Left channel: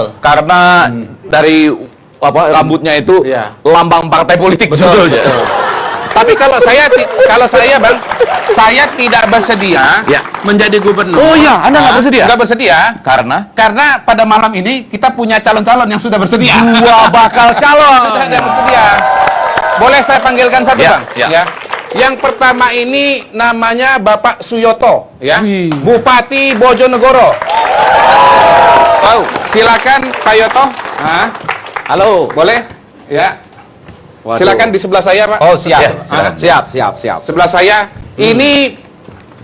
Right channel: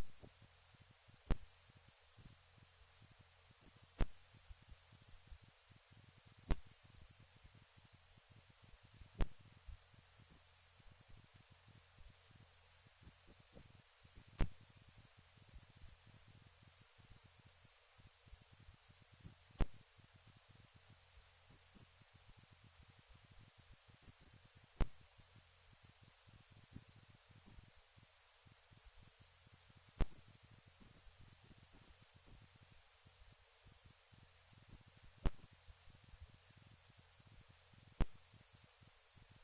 betul. Karena dari rambutnya itu lambang partai politik sebetulnya. Tapi kalau saya Bang, saya tidak bersedia menjadi gubernur. Oh iya, Anda nggak bersedia? Nggak bersedia. Karena Pada malam ini kita punya calon-calon yang sudah bersedia. dua bakal calon. Sudah bersedia. Boleh saya panggilkan satu, Bang? Ya. Yang pertama ini namanya Bapak Suyoto, ya. Bupati Bojonegoro. Tahu? Silakan Pak Yoto. Halo. Boleh? Ya. Waduh. Silakan di sebelah saya, Pak. Oh, siap. Ya, Siap. Sebelah saya. Ini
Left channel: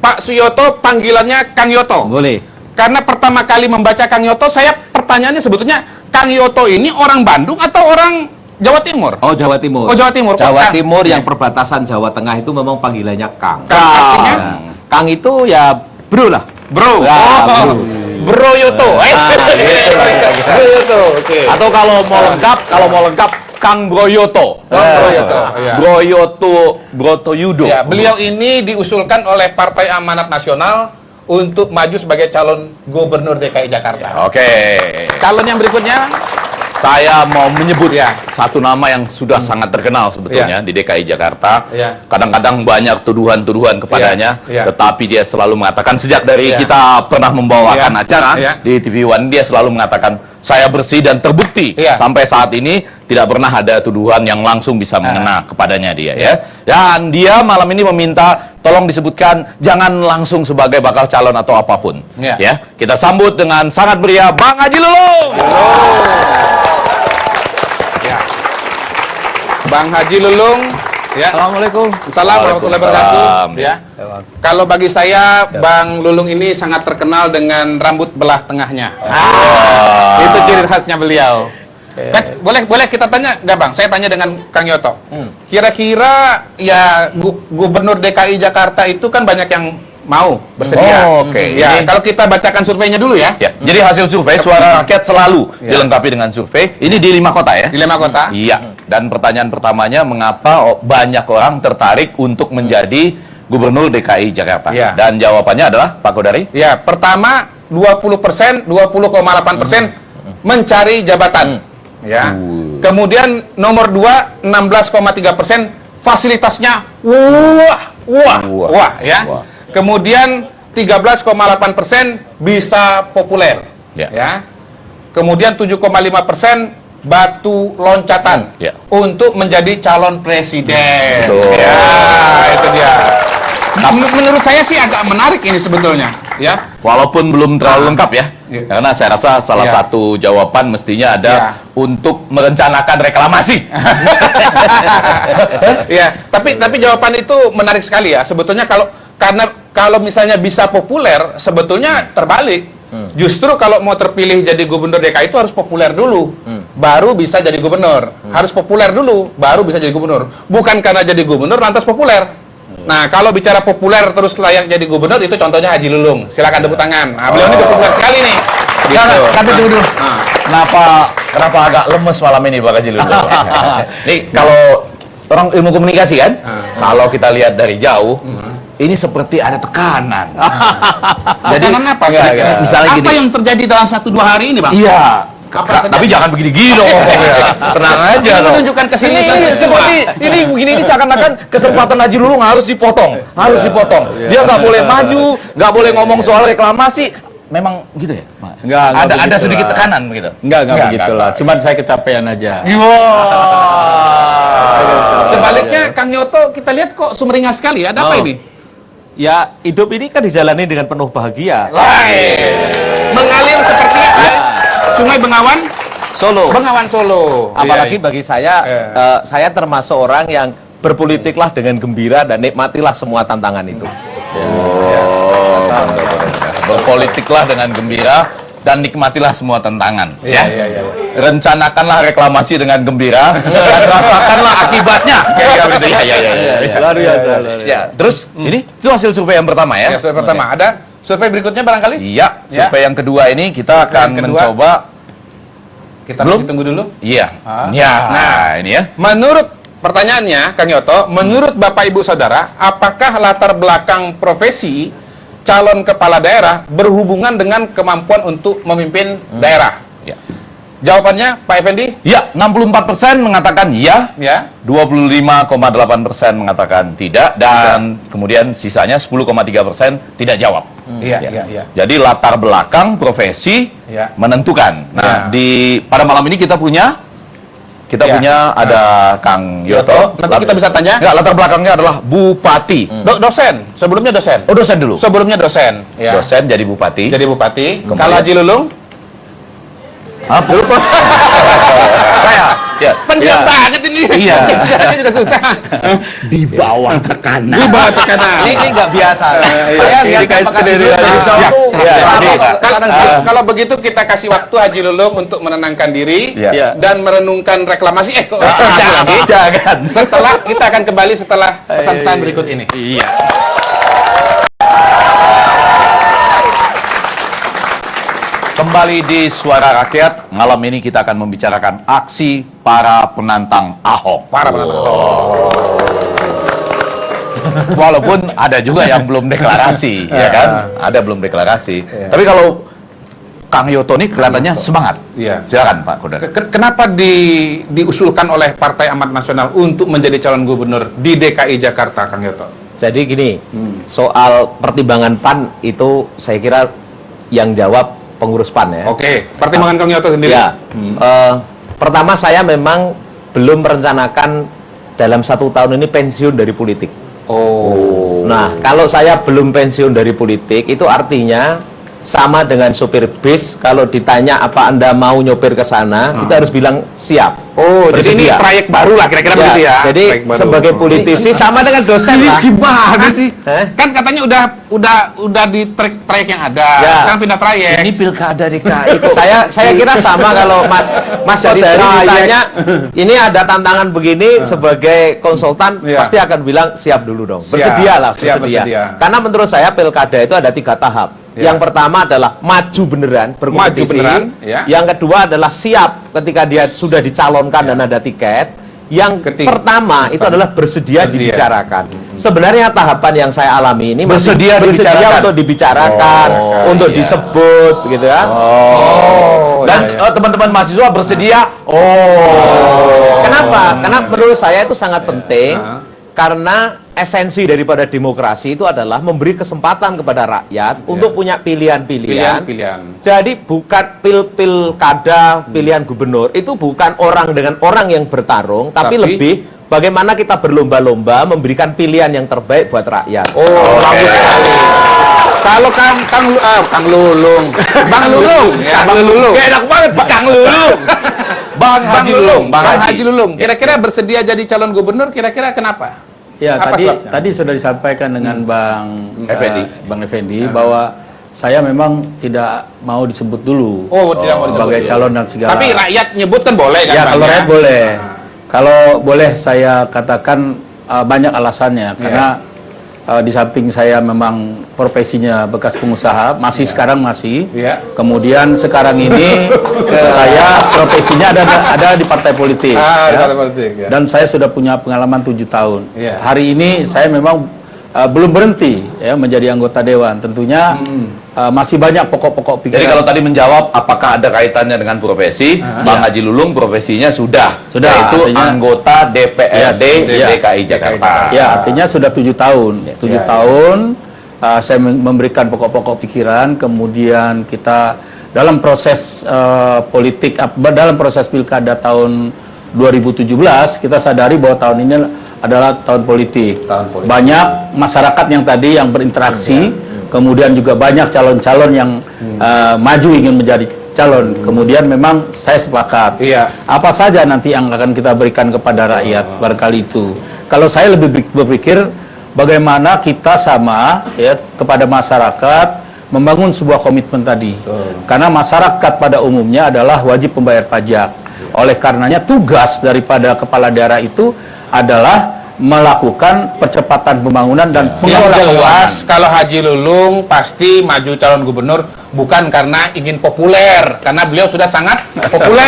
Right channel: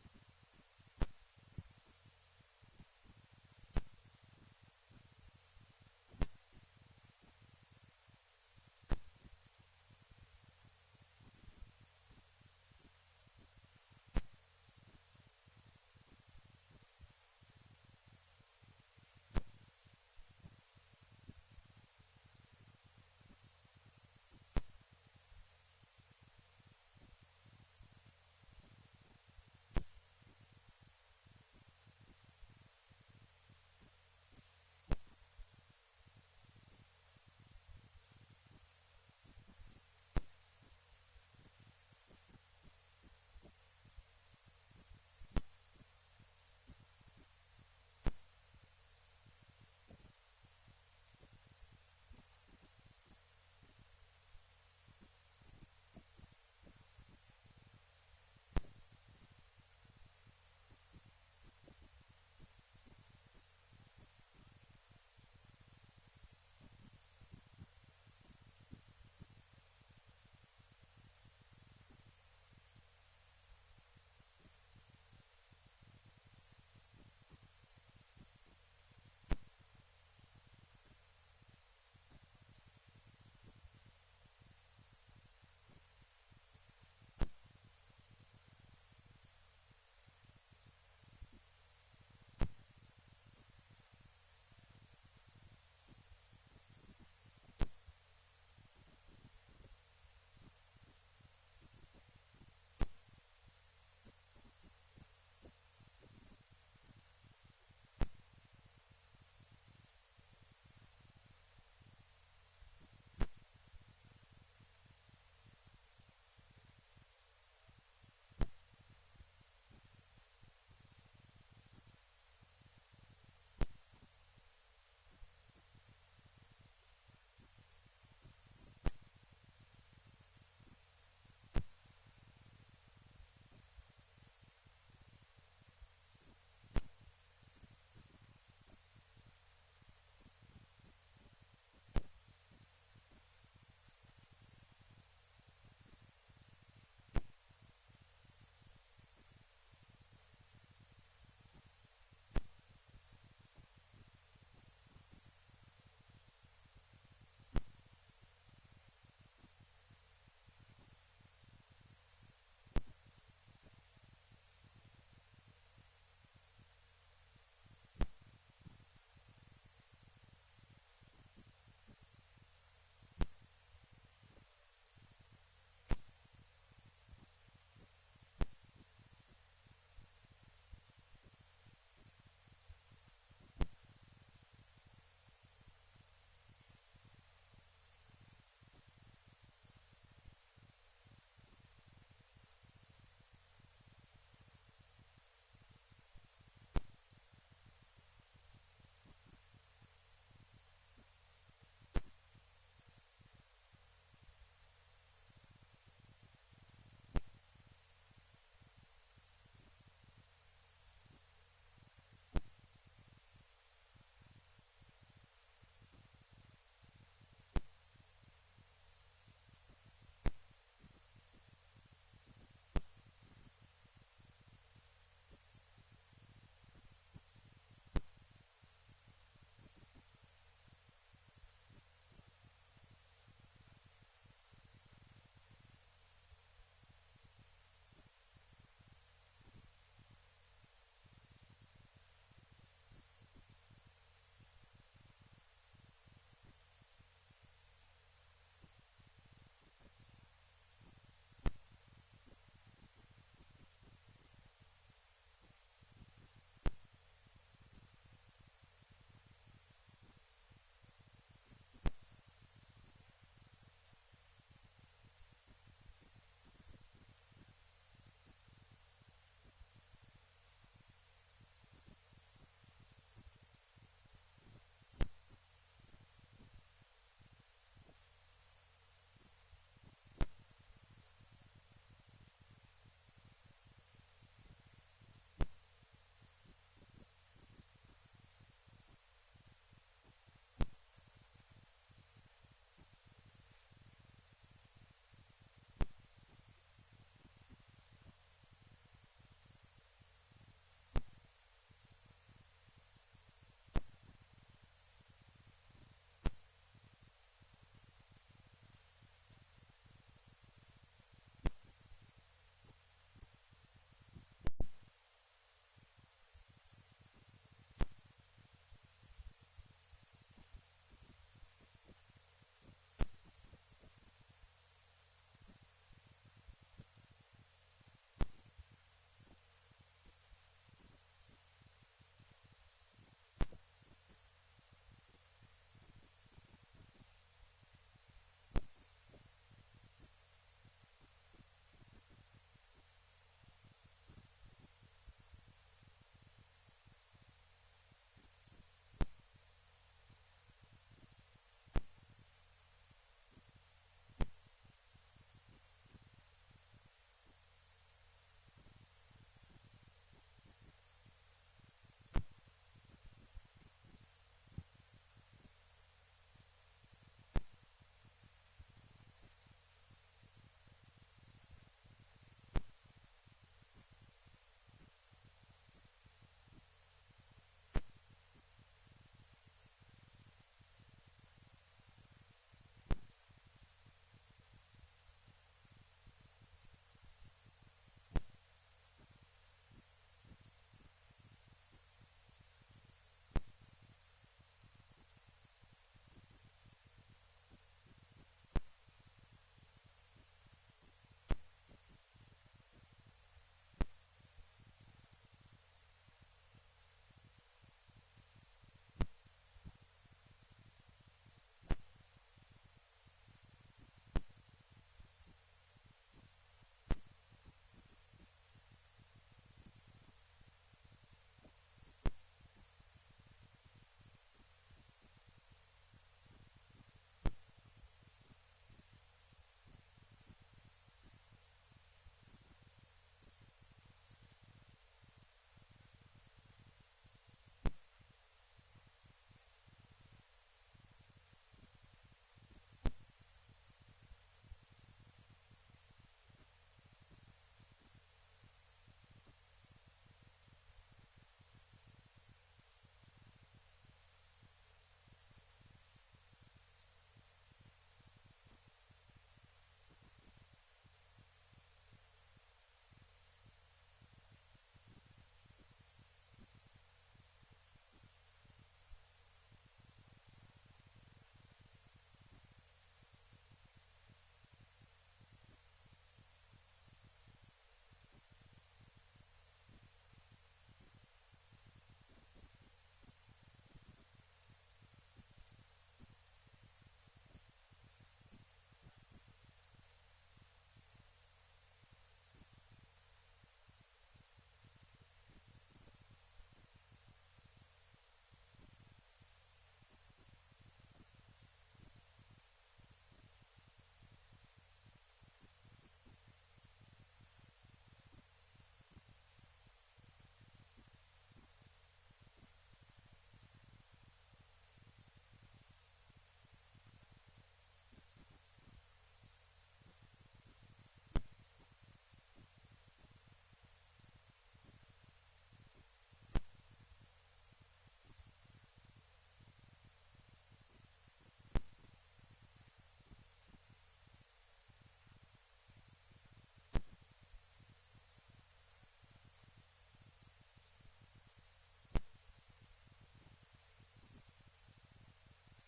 Pak Suyoto, panggilannya Kang Yoto. Boleh. Karena pertama kali membaca Kang Yoto, saya pertanyaannya sebetulnya Kang Yoto ini orang Bandung atau orang Jawa Timur? Oh, Jawa Timur. Oh, Jawa Timur. Jawa Kang. Timur yang perbatasan Jawa Tengah itu memang panggilannya Kang. Kang artinya? Kang itu ya bro lah. Bro. Bro Yoto. Bro Yoto. Oke. Atau kalau mau lengkap Kang Broyoto. Broto Yudo. Ya, beliau ini diusulkan oleh Partai Amanat Nasional untuk maju sebagai calon gubernur DKI Jakarta. Oke. Calon yang berikutnya, Saya mau menyebut satu nama yang sudah sangat terkenal sebetulnya di DKI Jakarta. Kadang-kadang banyak tuduhan-tuduhan kepadanya, tetapi dia selalu mengatakan sejak dari kita pernah membawakan acara di TV One, dia selalu mengatakan saya bersih dan terbukti sampai saat ini tidak pernah ada tuduhan yang langsung bisa mengena kepadanya dia ya. Dan dia malam ini meminta tolong disebutkan jangan langsung sebagai bakal calon atau apapun. Ya, kita sambut dengan sangat meriah Bang Haji Lulung. Bang Haji Lulung. Ya. Assalamualaikum. Assalamualaikum warahmatullahi wabarakatuh. Ya. Kalau bagi saya, Bang Lulung ini sangat terkenal dengan rambut belah tengahnya. Itu ciri khasnya beliau. Boleh kita tanya nggak, Bang? Saya tanya dengan Kang Yoto. Kira-kira ya Gubernur DKI Jakarta itu kan banyak yang mau bersedia. Ya, kalau kita bacakan surveinya dulu ya. Jadi hasil survei Suara Rakyat selalu dilengkapi dengan survei. Ini di 5 kota ya? Di 5 kota. Iya. Dan pertanyaan pertamanya, mengapa banyak orang tertarik untuk menjadi Gubernur DKI Jakarta? Dan jawabannya adalah Pak Kodari? Ya, pertama 20%, 20,8% mencari jabatan. Ya. Kemudian nomor 2, 16,3% fasilitasnya wah ya. Kemudian 13,8% bisa populer. Ya. Kemudian 7,5% batu loncatan untuk menjadi calon presiden. Ya, itu dia. Menurut saya sih agak menarik ini sebetulnya, ya. Walaupun belum terlalu lengkap ya. Karena saya rasa salah satu jawaban mestinya ada untuk merencanakan reklamasi. Ya, tapi jawaban itu menarik sekali ya. Sebetulnya kalau misalnya bisa populer, sebetulnya terbalik. Justru kalau mau terpilih jadi gubernur DKI itu harus populer dulu, baru bisa jadi gubernur. Harus populer dulu, baru bisa jadi gubernur. Bukan karena jadi gubernur lantas populer. Nah, kalau bicara populer terus layak jadi gubernur, itu contohnya Haji Lulung. Silakan tepuk tangan. Nah, beliau ini populer sekali nih. Gitu. Tapi dulu, kenapa agak lemes malam ini Pak Haji Lulung? Nih, kalau orang ilmu komunikasi kan, kalau kita lihat dari jauh, ini seperti ada tekanan. Jadi apa? Misalnya apa yang terjadi dalam 1-2 hari ini, Bang? Iya. Tapi jangan begini-gini dong. Tenang aja dong. Menunjukkan kesini seperti ini seakan-akan kesempatan Haji Lulung harus dipotong. Dia nggak boleh maju, nggak boleh ngomong soal reklamasi. Memang gitu ya? Enggak Ada sedikit tekanan begitu. Enggak begitulah. Cuman saya kecapean aja. Sebaliknya Kang Yoto kita lihat kok sumringah sekali. Ada apa ini? Ya, hidup ini kan dijalani dengan penuh bahagia. Mengalir seperti Sungai Bengawan Solo. Apalagi bagi saya, saya termasuk orang yang berpolitiklah dengan gembira dan nikmatilah semua tantangan itu. Berpolitiklah dengan gembira dan nikmatilah semua tantangan. Rencanakanlah reklamasi dengan gembira dan rasakanlah akibatnya. Luar biasa. Terus ini itu hasil survei yang pertama ya? Survei pertama. Ada survei berikutnya barangkali? Iya. Survei yang kedua ini kita akan mencoba. Kita masih tunggu dulu. Iya. Nah, ini ya. Menurut pertanyaannya, Kang Yoto, menurut Bapak Ibu Saudara, apakah latar belakang profesi calon kepala daerah berhubungan dengan kemampuan untuk memimpin daerah? Jawabannya Pak Effendi? Ya, 64% mengatakan ya, Ya. 25,8% mengatakan tidak, dan kemudian sisanya 10,3% tidak jawab. Iya. Jadi latar belakang profesi Ya. menentukan. Nah, Ya. pada malam ini kita punya Ya. ada Kang Yoto. Nanti kita bisa tanya. Enggak, latar belakangnya adalah bupati. Dosen, sebelumnya dosen. Oh, dosen dulu. Sebelumnya dosen. Ya. Dosen jadi bupati. Jadi bupati. Kemudian- Kalau Haji Lulung? Apa? Saya. Ya. Pendiam banget ini. Iya. Ini juga susah. Di bawah tekanan. Di bawah tekanan. Ini nggak biasa. Saya lihat apakah jujur Haji Lulung Ya. tuh Ya. Kalau begitu kita kasih waktu Haji Lulung untuk menenangkan diri Ya. dan merenungkan reklamasi. Kok Jangan. Setelah kita akan kembali setelah pesan-pesan berikut ini. Iya. Kembali di Suara Rakyat, malam ini kita akan membicarakan aksi para penantang Ahok. Para penantang Walaupun ada juga yang belum deklarasi, ya kan? Ada belum deklarasi. Tapi kalau Kang Yoto ini kelihatannya semangat. Iya. Silakan Pak Koda. Kenapa diusulkan oleh Partai Amanat Nasional untuk menjadi calon gubernur di DKI Jakarta, Kang Yoto? Jadi gini, soal pertimbangan PAN itu saya kira yang jawab pengurus PAN ya. Oke, pertimbangan Kang Yoto sendiri. Ya, pertama saya memang belum merencanakan dalam 1 tahun ini pensiun dari politik. Oh. Nah, kalau saya belum pensiun dari politik, itu artinya sama dengan sopir bis, kalau ditanya apa Anda mau nyopir ke sana, kita harus bilang siap. Oh, jadi ini Bersedia. trayek baru lah kira-kira begitu ya. Jadi Trayek baru. sebagai politisi sama dengan dosen lah. Gimana sih? Kan katanya udah di trayek yang ada. Ya. Sekarang pindah trayek. Ini pilkada DKI. saya kira sama kalau Mas Jadi Kodari trayek. ditanya, ini ada tantangan begini sebagai konsultan Ya. pasti akan bilang siap dulu dong. Siap. Bersedialah, Siap, bersedia. bersedia. Karena menurut saya pilkada itu ada 3 tahap. Ya. Yang pertama adalah maju beneran, berkompetisi. Maju beneran, ya. Yang kedua adalah siap ketika dia sudah dicalonkan dan ada tiket. Yang pertama itu adalah bersedia dibicarakan. Sebenarnya tahapan yang saya alami ini masih Bersedia dibicarakan. untuk dibicarakan, untuk iya. disebut gitu ya. Dan teman-teman mahasiswa bersedia. Kenapa? Karena menurut saya itu sangat penting. Karena esensi daripada demokrasi itu adalah memberi kesempatan kepada rakyat untuk punya pilihan-pilihan. Pilihan-pilihan. Jadi bukan pilkada, pilihan gubernur itu bukan orang dengan orang yang bertarung, tapi lebih bagaimana kita berlomba-lomba memberikan pilihan yang terbaik buat rakyat. Oh, bagus sekali. Kalau Kang Lulung, Bang Lulung, ya, Bang Lulung. Gak enak banget Pak Kang Lulung. Bang Haji Lulung, Bang Haji Lulung. Kira-kira bersedia jadi calon gubernur, kira-kira kenapa? Ya, Apa tadi sebabnya? tadi sudah disampaikan dengan Bang Effendi Ya. bahwa saya memang tidak mau disebut dulu Oh, tidak mau sebagai disebut. calon dan segala. Tapi rakyat nyebutkan boleh kan? ya Bang, kalau rakyat boleh. Kalau boleh saya katakan banyak alasannya karena di samping saya memang profesinya bekas pengusaha, masih sekarang masih. Ya. Kemudian sekarang ini saya profesinya ada di partai politik. Ah, di ya. partai politik, ya. Dan saya sudah punya pengalaman 7 tahun. Ya. Hari ini saya memang belum berhenti ya menjadi anggota dewan. Tentunya masih banyak pokok-pokok pikiran. Jadi kalau tadi menjawab apakah ada kaitannya dengan profesi, Bang Haji Lulung profesinya sudah, Sudah, yaitu artinya- anggota DPRD Yes, DKI Jakarta. Ya, artinya sudah 7 tahun. 7 tahun saya memberikan pokok-pokok pikiran, kemudian kita dalam proses politik, dalam proses pilkada tahun 2017, kita sadari bahwa tahun ini adalah tahun politik. Banyak masyarakat yang tadi yang berinteraksi, kemudian juga banyak calon-calon yang maju ingin menjadi calon. Kemudian memang saya sepakat. Iya. Apa saja nanti yang akan kita berikan kepada rakyat barangkali itu. Kalau saya lebih berpikir bagaimana kita sama ya kepada masyarakat membangun sebuah komitmen tadi. Karena masyarakat pada umumnya adalah wajib pembayar pajak. Oleh karenanya tugas daripada kepala daerah itu adalah melakukan percepatan pembangunan dan Yang pengelolaan jelas kalau Haji Lulung pasti maju calon gubernur bukan karena ingin populer, karena beliau sudah sangat populer.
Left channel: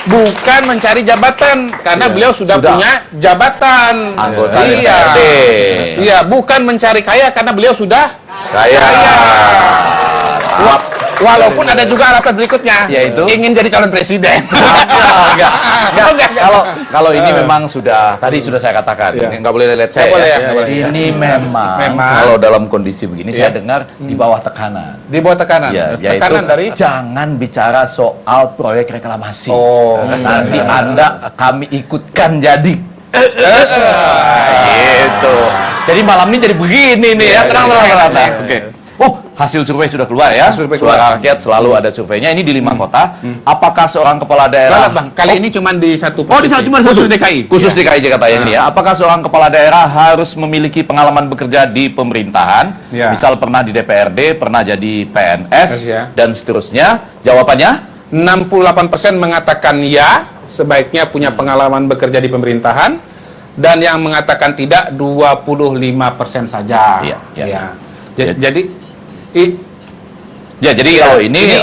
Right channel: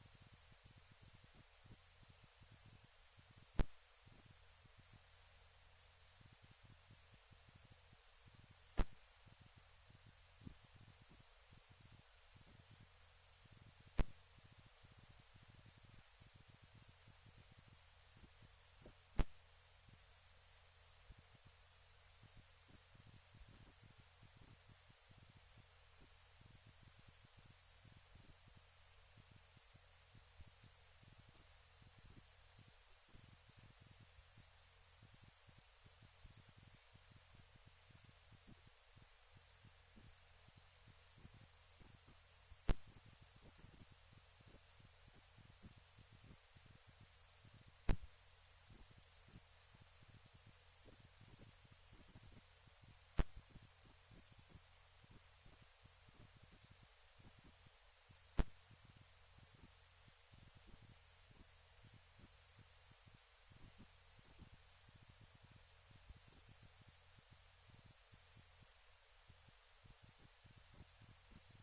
Bukan mencari jabatan, karena beliau sudah punya jabatan. Anggota Iya. DPRD. Iya, bukan mencari kaya karena beliau sudah Kaya. Walaupun ada juga alasan berikutnya, Yaitu? ingin jadi calon presiden. Enggak. Oh, enggak. Kalau ini memang tadi sudah saya katakan, nggak boleh lihat saya. Nggak boleh, ya. nggak boleh. Ini memang kalau dalam kondisi begini saya dengar di bawah tekanan. Di bawah tekanan. Ya, yaitu Tekanan dari jangan bicara soal proyek reklamasi. Oh. Nanti kami ikutkan jadi. Gitu. Jadi malam ini jadi begini nih ya. Tenang. Oke. Oh, hasil survei sudah keluar ya. Survei Suara rakyat selalu ada surveinya. Ini di 5 kota. Apakah seorang kepala daerah? Ralat, Bang. Kali ini cuma di satu Oh, di cuma khusus satu. DKI. Khusus DKI Jakarta ini ya. Apakah seorang kepala daerah harus memiliki pengalaman bekerja di pemerintahan? Ya. Misal pernah di DPRD, pernah jadi PNS, Ya. dan seterusnya. Jawabannya? 68% mengatakan ya, sebaiknya punya pengalaman bekerja di pemerintahan, dan yang mengatakan tidak 25% saja. Iya, iya. Ya. Ya. Jadi kalau ini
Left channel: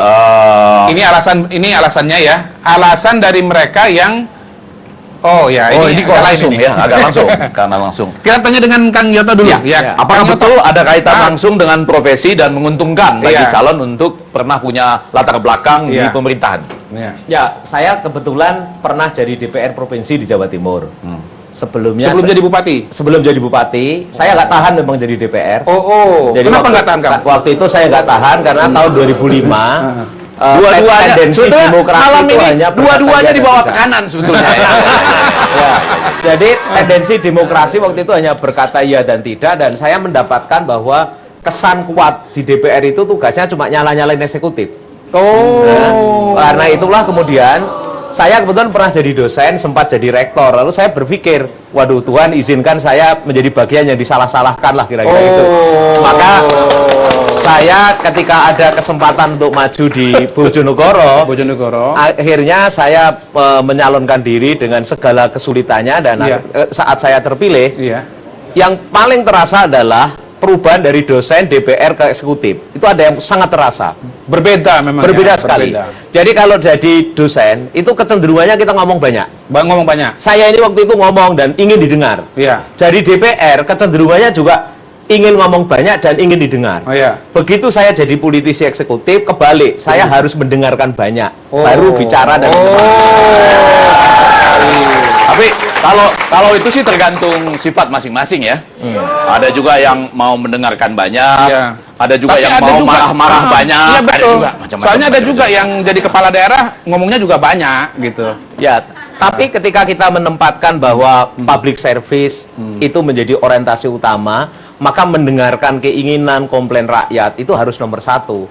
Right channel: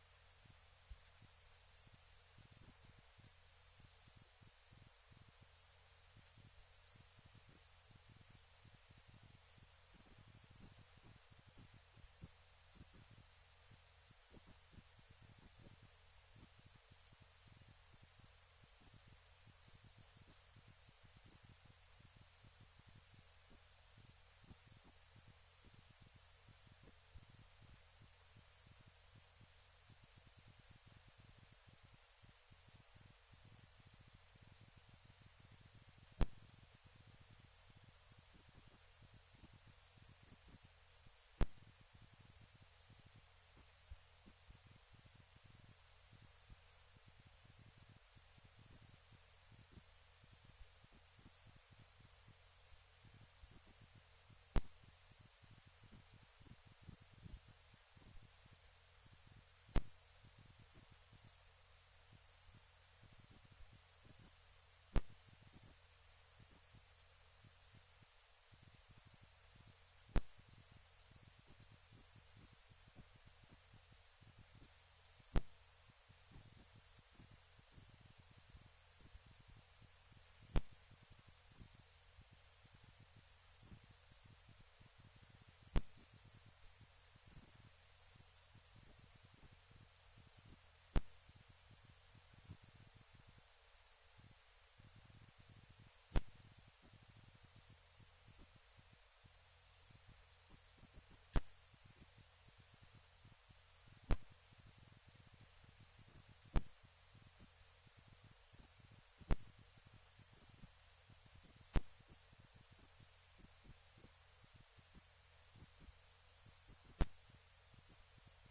ini alasannya ya. Alasan dari mereka yang ini kok agak lain langsung ini. ya, agak langsung. Karena langsung. Kita tanya dengan Kang Yoto dulu. Ya. Apakah Kang betul Yoto, ada kaitan langsung dengan profesi dan menguntungkan bagi Iya. calon untuk pernah punya latar belakang di Iya. pemerintahan? Ya. Ya, saya kebetulan pernah jadi DPR provinsi di Jawa Timur. Sebelum jadi bupati. Sebelum jadi bupati, saya nggak tahan memang jadi DPR. Jadi Kenapa nggak tahan, Kang? Waktu itu saya nggak tahan karena tahun 2005 Dua-duanya tendensi sebetulnya demokrasi malam itu ini hanya dua-duanya di bawah berkata tekanan sebetulnya. ya. Jadi tendensi demokrasi waktu itu hanya berkata iya dan tidak, dan saya mendapatkan bahwa kesan kuat di DPR itu tugasnya cuma nyala-nyalain eksekutif. Karena itulah kemudian saya kebetulan pernah jadi dosen, sempat jadi rektor. Lalu saya berpikir, waduh Tuhan izinkan saya menjadi bagian yang disalah-salahkan lah kira-kira itu. Maka saya ketika ada kesempatan untuk maju di Bojonegoro, akhirnya saya menyalonkan diri dengan segala kesulitannya, dan saat saya terpilih, yang paling terasa adalah perubahan dari dosen DPR ke eksekutif. Itu ada yang sangat terasa. Berbeda memang. Berbeda sekali. Jadi kalau jadi dosen, itu kecenderungannya kita ngomong banyak. Ngomong banyak. Saya ini waktu itu ngomong dan ingin didengar. Iya. Jadi DPR kecenderungannya juga ingin ngomong banyak dan ingin didengar. Begitu saya jadi politisi eksekutif, kebalik. Saya harus mendengarkan banyak. Baru bicara dan Tapi kalau itu sih tergantung sifat masing-masing ya. Ada juga yang mau mendengarkan banyak, ada juga yang mau marah-marah banyak. Iya betul. Ada juga macam-macam. Soalnya ada juga yang jadi kepala daerah ngomongnya juga banyak gitu. Ya, tapi ketika kita menempatkan bahwa public service itu menjadi orientasi utama, maka mendengarkan keinginan, komplain rakyat itu harus nomor satu.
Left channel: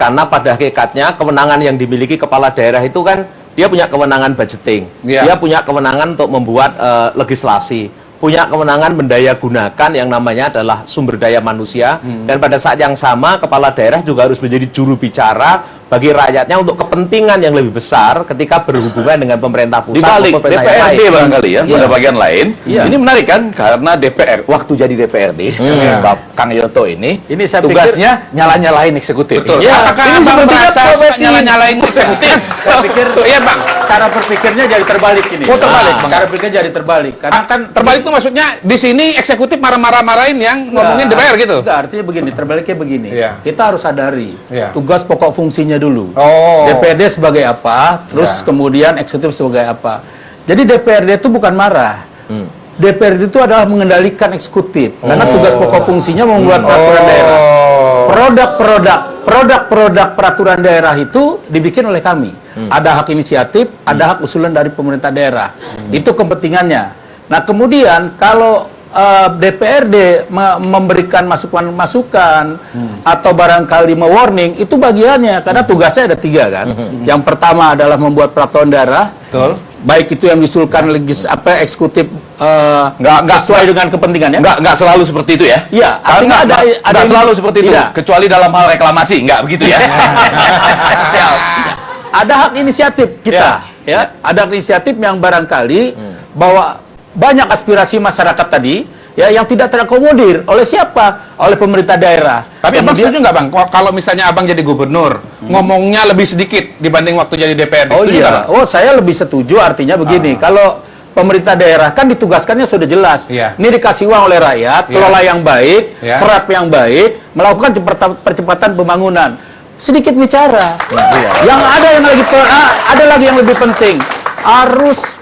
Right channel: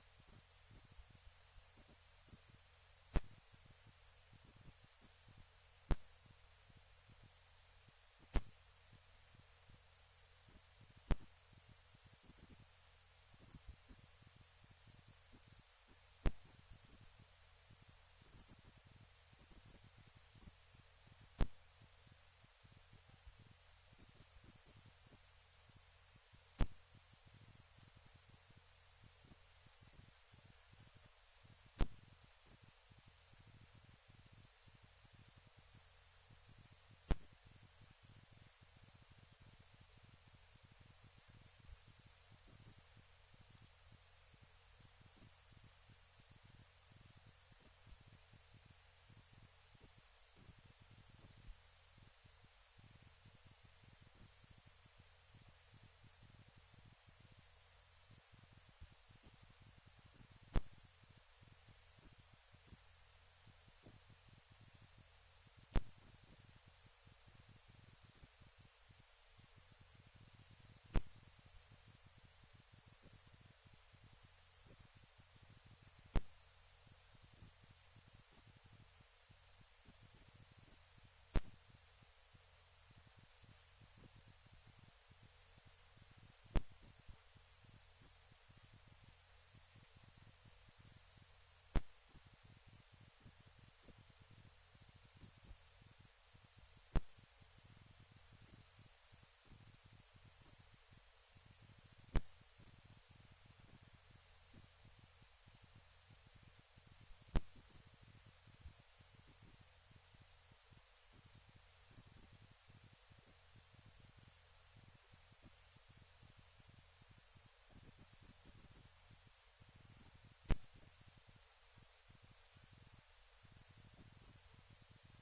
Karena pada hakikatnya kewenangan yang dimiliki kepala daerah itu kan dia punya kewenangan budgeting, dia punya kewenangan untuk membuat legislasi, punya kewenangan mendaya gunakan yang namanya adalah sumber daya manusia, dan pada saat yang sama kepala daerah juga harus menjadi juru bicara bagi rakyatnya untuk kepentingan yang lebih besar ketika berhubungan dengan pemerintah pusat. Di balik DPRD barangkali ya, pada bagian lain. Iya. Ini menarik kan, karena DPR waktu jadi DPRD, Kang Yoto ini saya tugasnya nyala-nyalain eksekutif. Betul. Ya, Apakah ini Abang sepertinya merasa suka profesi. nyala-nyalain eksekutif? Saya pikir Iya Bang. cara berpikirnya jadi terbalik ini. Terbalik, Bang. Cara berpikir jadi terbalik. Karena kan Terbalik itu maksudnya di sini eksekutif marah-marahin yang ngomongin DPR gitu. Enggak, artinya begini, terbaliknya begini. Kita harus sadari Iya. tugas pokok fungsinya dulu. Oh. DPRD sebagai apa, terus kemudian eksekutif sebagai apa. Jadi DPRD itu bukan marah. DPRD itu adalah mengendalikan eksekutif. Karena tugas pokok fungsinya membuat peraturan daerah. Produk-produk peraturan daerah itu dibikin oleh kami. Ada hak inisiatif, ada hak usulan dari pemerintah daerah. Itu kepentingannya. Nah, kemudian kalau DPRD memberikan masukan-masukan atau barangkali mewarning, itu bagiannya, karena tugasnya ada 3 kan. Yang pertama adalah membuat peraturan daerah, baik itu yang diusulkan eksekutif sesuai dengan kepentingannya. Nggak selalu seperti itu ya? Iya, artinya ada nggak selalu seperti itu, tidak. kecuali dalam hal reklamasi, nggak begitu ya? Ada hak inisiatif kita, ya. Ada hak inisiatif yang barangkali bahwa banyak aspirasi masyarakat tadi ya yang tidak terakomodir oleh siapa? Oleh pemerintah daerah. Tapi Abang setuju nggak Bang? Kalau misalnya Abang jadi gubernur, ngomongnya lebih sedikit dibanding waktu jadi DPRD. Oh Setuju iya. nggak, Bang? Oh, saya lebih setuju, artinya begini. Kalau pemerintah daerah kan ditugaskannya sudah jelas. Ini dikasih uang oleh rakyat, kelola yang baik, serap yang baik, melakukan percepatan pembangunan. sedikit bicara. Yang ada lagi yang lebih penting, harus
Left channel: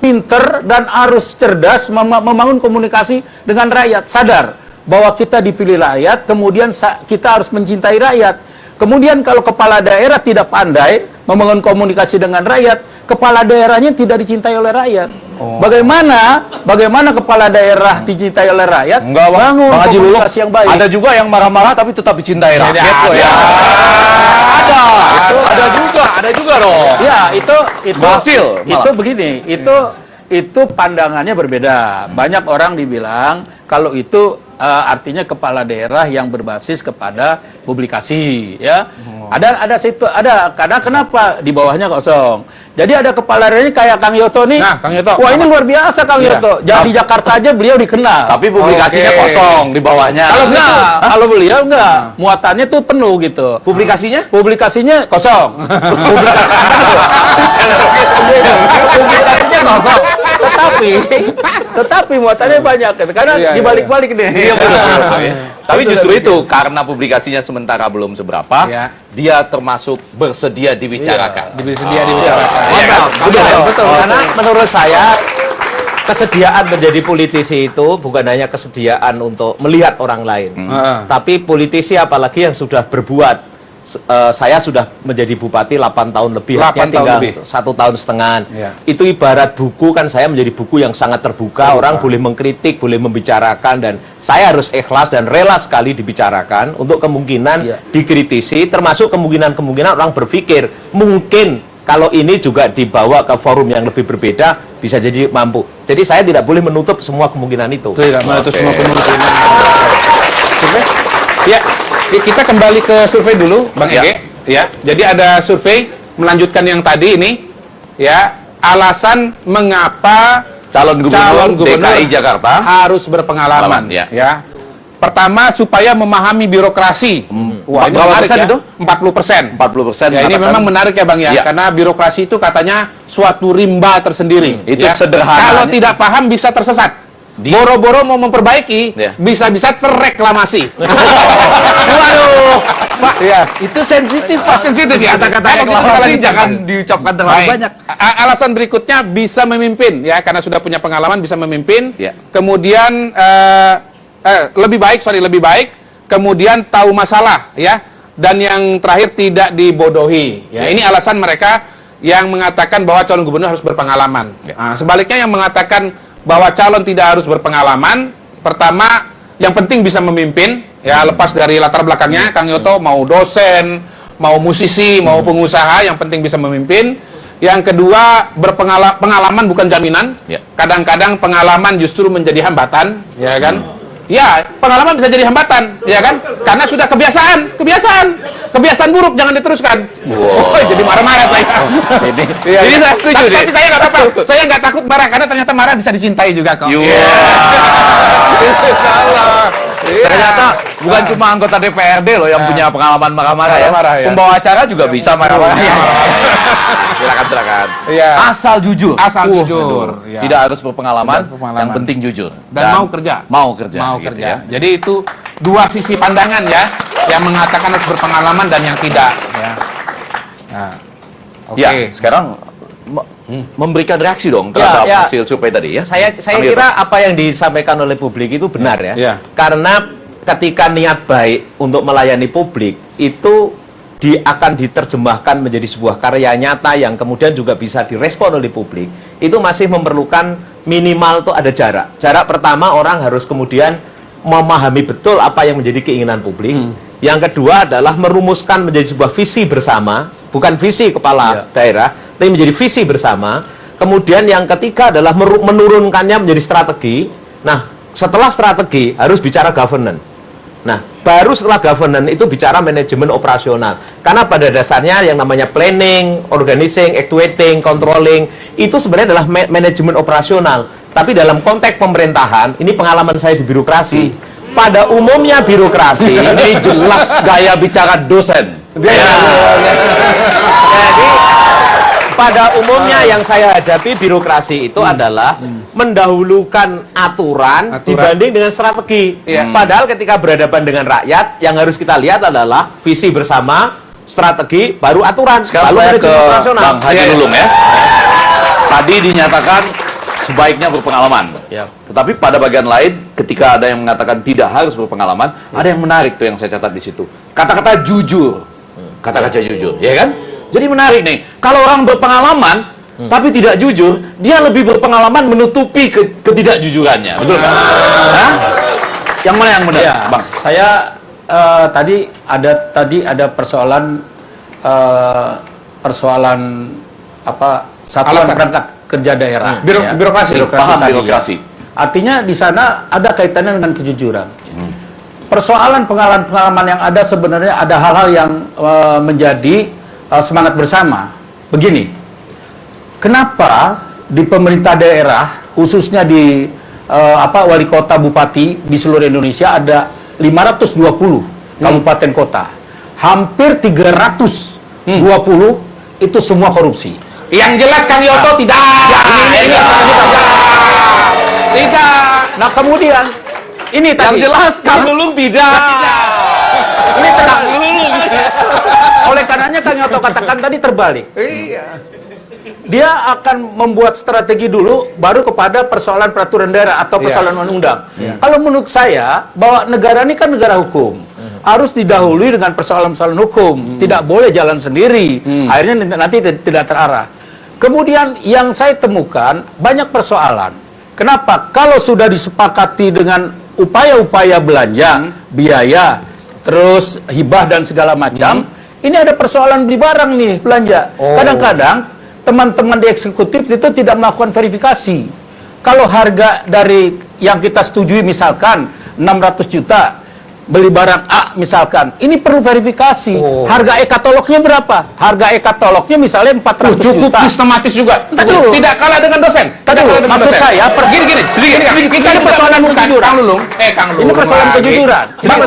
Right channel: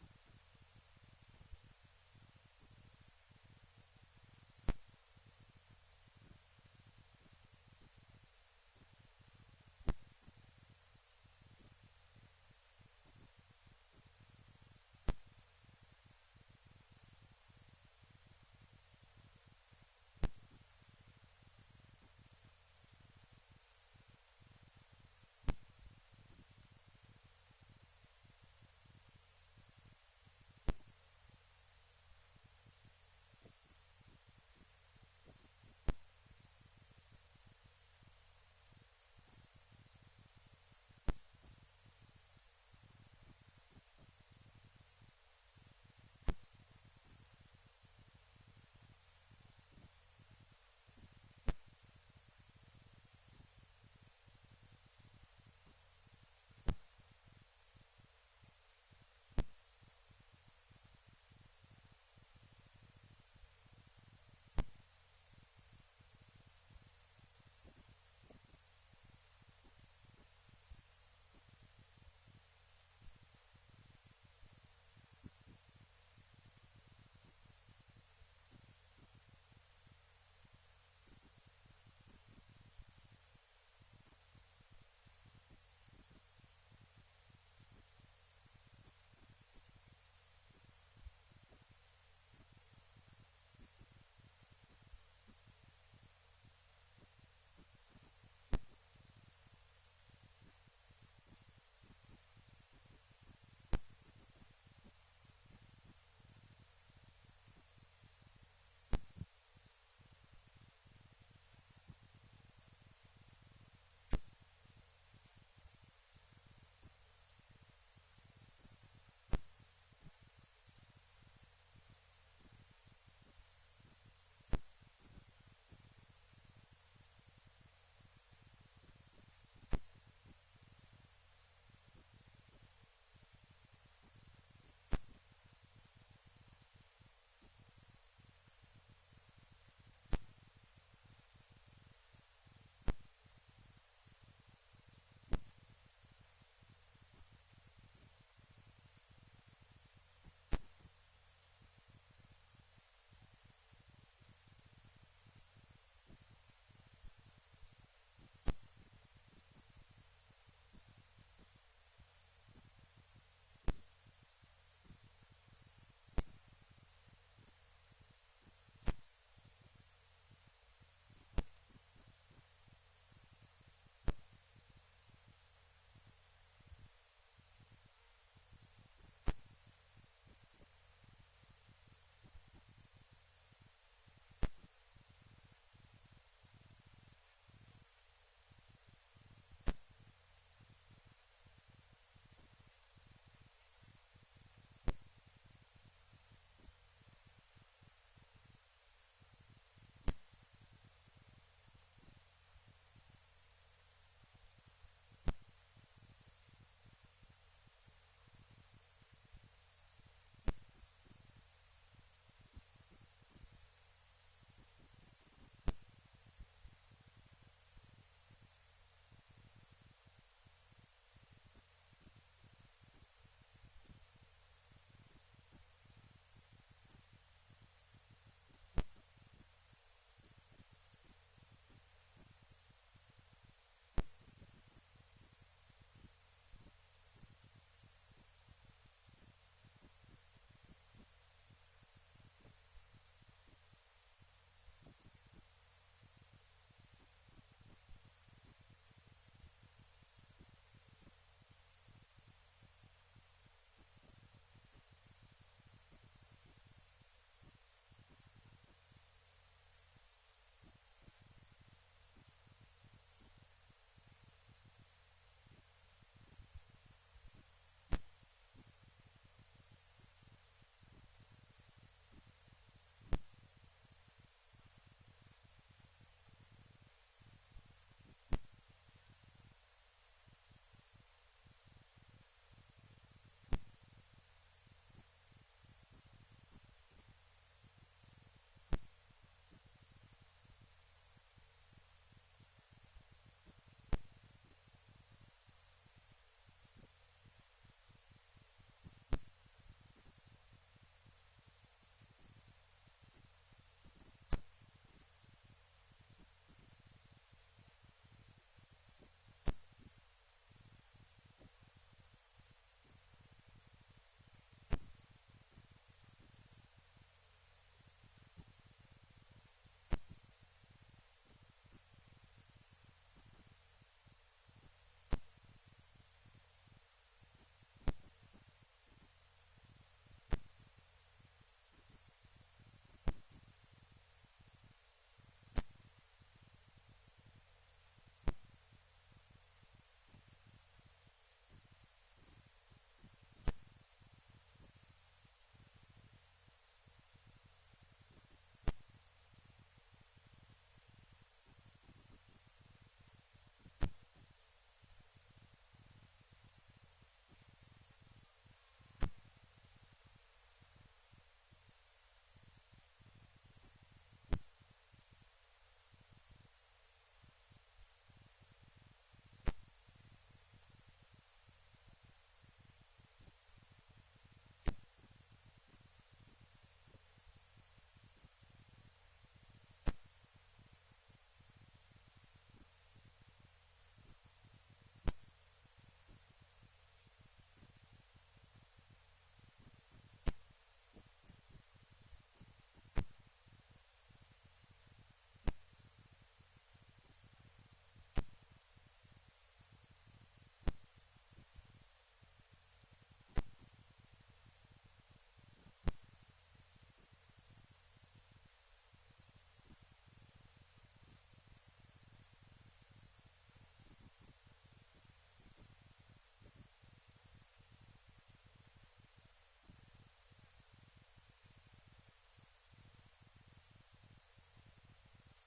pinter dan harus cerdas membangun komunikasi dengan rakyat. Sadar bahwa kita dipilih rakyat, kemudian kita harus mencintai rakyat. Kemudian kalau kepala daerah tidak pandai membangun komunikasi dengan rakyat, kepala daerahnya tidak dicintai oleh rakyat. Bagaimana kepala daerah dicintai oleh rakyat? Bangun komunikasi yang baik. Ada juga yang marah-marah tapi tetap dicintai rakyat kok ya. Ada juga dong. Ya, itu Hasil, itu begini, itu pandangannya berbeda. Banyak orang dibilang kalau itu artinya kepala daerah yang berbasis kepada publikasi, ya. Ada karena kenapa di bawahnya kosong. Jadi ada kepala daerahnya kayak Kang Yoto nih. Nah, Kang Yoto. Wah, ini luar biasa Kang Yoto. Jadi di Jakarta aja beliau dikenal. Tapi publikasinya kosong di bawahnya. Kalau beliau enggak, muatannya tuh penuh gitu. Publikasinya? Publikasinya kosong. Publikasinya kosong. Tetapi muatannya banyak karena dibalik-balik nih. Tapi justru itu karena publikasinya sementara belum seberapa, dia termasuk bersedia dibicarakan. Bersedia dibicarakan. Betul. Karena menurut saya kesediaan menjadi politisi itu bukan hanya kesediaan untuk melihat orang lain, tapi politisi apalagi yang sudah berbuat. Saya sudah menjadi bupati 8 tahun lebih, 8 tahun tinggal lebih. 1 tahun setengah. Itu ibarat buku kan, saya menjadi buku yang sangat terbuka. Orang boleh mengkritik, boleh membicarakan, dan saya harus ikhlas dan rela sekali dibicarakan untuk kemungkinan dikritisi, termasuk kemungkinan orang berpikir mungkin kalau ini juga dibawa ke forum yang lebih berbeda bisa jadi mampu. Jadi saya tidak boleh menutup semua kemungkinan itu. Tidak menutup semua kemungkinan. Ya. Kita kembali ke survei dulu, Bang Ege. Ya, jadi ada survei melanjutkan yang tadi ini. Ya, alasan mengapa Calon gubernur DKI Jakarta harus berpengalaman. Ya. Pertama, supaya memahami birokrasi. Wah, ini berapa menarik persen ya. itu? 40%. 40%. Ya, ini memang menarik ya, Bang ya. Karena birokrasi itu katanya suatu rimba tersendiri. Itu ya. sederhana. Kalau tidak paham bisa tersesat. Boro-boro mau memperbaiki, bisa-bisa terreklamasi. Waduh, Pak, itu sensitif, Pak. Sensitif ya. Kata-kata reklamasi jangan diucapkan terlalu banyak. Alasan berikutnya bisa memimpin, ya, karena sudah punya pengalaman bisa memimpin. Ya. Kemudian lebih baik. Kemudian tahu masalah, ya. Dan yang terakhir tidak dibodohi. Ya, ini alasan mereka yang mengatakan bahwa calon gubernur harus berpengalaman. Nah, sebaliknya yang mengatakan bahwa calon tidak harus berpengalaman, pertama yang penting bisa memimpin, ya, lepas dari latar belakangnya. Kang Yoto mau dosen, mau musisi, mau pengusaha, yang penting bisa memimpin. Yang kedua, pengalaman bukan jaminan. Kadang-kadang pengalaman justru menjadi hambatan, ya kan? Ya, pengalaman bisa jadi hambatan, ya kan? Karena sudah kebiasaan buruk, jangan diteruskan. Wow. Jadi marah-marah saya. Jadi saya setuju deh. Tapi saya nggak apa-apa. Saya nggak takut marah karena ternyata marah bisa dicintai juga kok. Ternyata bukan cuma anggota DPRD loh yang punya pengalaman marah-marah ya. Pembawa acara juga bisa marah-marah. Silakan. Asal jujur. Tidak harus berpengalaman, yang penting jujur. Dan mau kerja. Mau kerja. Ya. Jadi itu dua sisi pandangan ya, yang mengatakan harus berpengalaman dan yang tidak. Ya. Nah, Ya, sekarang memberikan reaksi dong terhadap hasil survei tadi ya. Saya kira apa yang disampaikan oleh publik itu benar ya. Karena ketika niat baik untuk melayani publik itu akan diterjemahkan menjadi sebuah karya nyata yang kemudian juga bisa direspon oleh publik, itu masih memerlukan minimal tuh ada jarak. Jarak pertama, orang harus kemudian memahami betul apa yang menjadi keinginan publik. Yang kedua adalah merumuskan menjadi sebuah visi bersama, bukan visi kepala daerah, tapi menjadi visi bersama. Kemudian yang ketiga adalah menurunkannya menjadi strategi. Nah, setelah strategi harus bicara governance. Nah, baru setelah governance itu bicara manajemen operasional. Karena pada dasarnya yang namanya planning, organizing, actuating, controlling, itu sebenarnya adalah manajemen operasional. Tapi dalam konteks pemerintahan, ini pengalaman saya di birokrasi, pada umumnya birokrasi, ini jelas gaya bicara dosen. Jadi pada umumnya yang saya hadapi birokrasi itu adalah mendahulukan aturan dibanding dengan strategi. Padahal ketika berhadapan dengan rakyat, yang harus kita lihat adalah visi bersama, strategi, baru aturan. Sekarang lalu saya ke manajemen operasional. Bang Haji Lulung ya. Tadi dinyatakan sebaiknya berpengalaman. Tetapi pada bagian lain, ketika ada yang mengatakan tidak harus berpengalaman, ada yang menarik tuh yang saya catat di situ. Kata-kata jujur. Kata-kata jujur, ya kan? Jadi menarik nih. Kalau orang berpengalaman, tapi tidak jujur, dia lebih berpengalaman menutupi ketidakjujurannya. Betul kan? Hah? Yang mana yang benar, Bang? Saya tadi ada persoalan apa satuan perangkat kerja daerah, birokrasi, paham tadi, birokrasi. Artinya di sana ada kaitannya dengan kejujuran. Persoalan pengalaman yang ada sebenarnya ada hal-hal yang menjadi semangat bersama. Begini, kenapa di pemerintah daerah, khususnya di wali kota, bupati di seluruh Indonesia ada 520 kabupaten kota, hampir 320 itu semua korupsi. Yang jelas Kang Yoto tidak. Tidak. Nah kemudian ini tadi. Yang jelas Kang Lulung tidak. Ini Kang Lulung. Oleh karenanya Kang Yoto katakan tadi terbalik. Iya. Dia akan membuat strategi dulu, baru kepada persoalan peraturan daerah atau persoalan undang-undang. Kalau menurut saya bahwa negara ini kan negara hukum. Harus didahului dengan persoalan-persoalan hukum. Tidak boleh jalan sendiri. Akhirnya nanti tidak terarah. Kemudian yang saya temukan banyak persoalan. Kenapa? Kalau sudah disepakati dengan upaya-upaya belanja, biaya, terus hibah dan segala macam, ini ada persoalan beli barang nih, belanja. Kadang-kadang teman-teman di eksekutif itu tidak melakukan verifikasi. Kalau harga dari yang kita setujui misalkan 600 juta, beli barang A misalkan, ini perlu verifikasi. Harga e-katalognya berapa? Harga e-katalognya misalnya 400 cukup juta. sistematis juga. Tidak kalah dengan dosen. Maksud saya, gini. Kita ini persoalan kejujuran. Kang Lulung. Ini persoalan kejujuran. Bang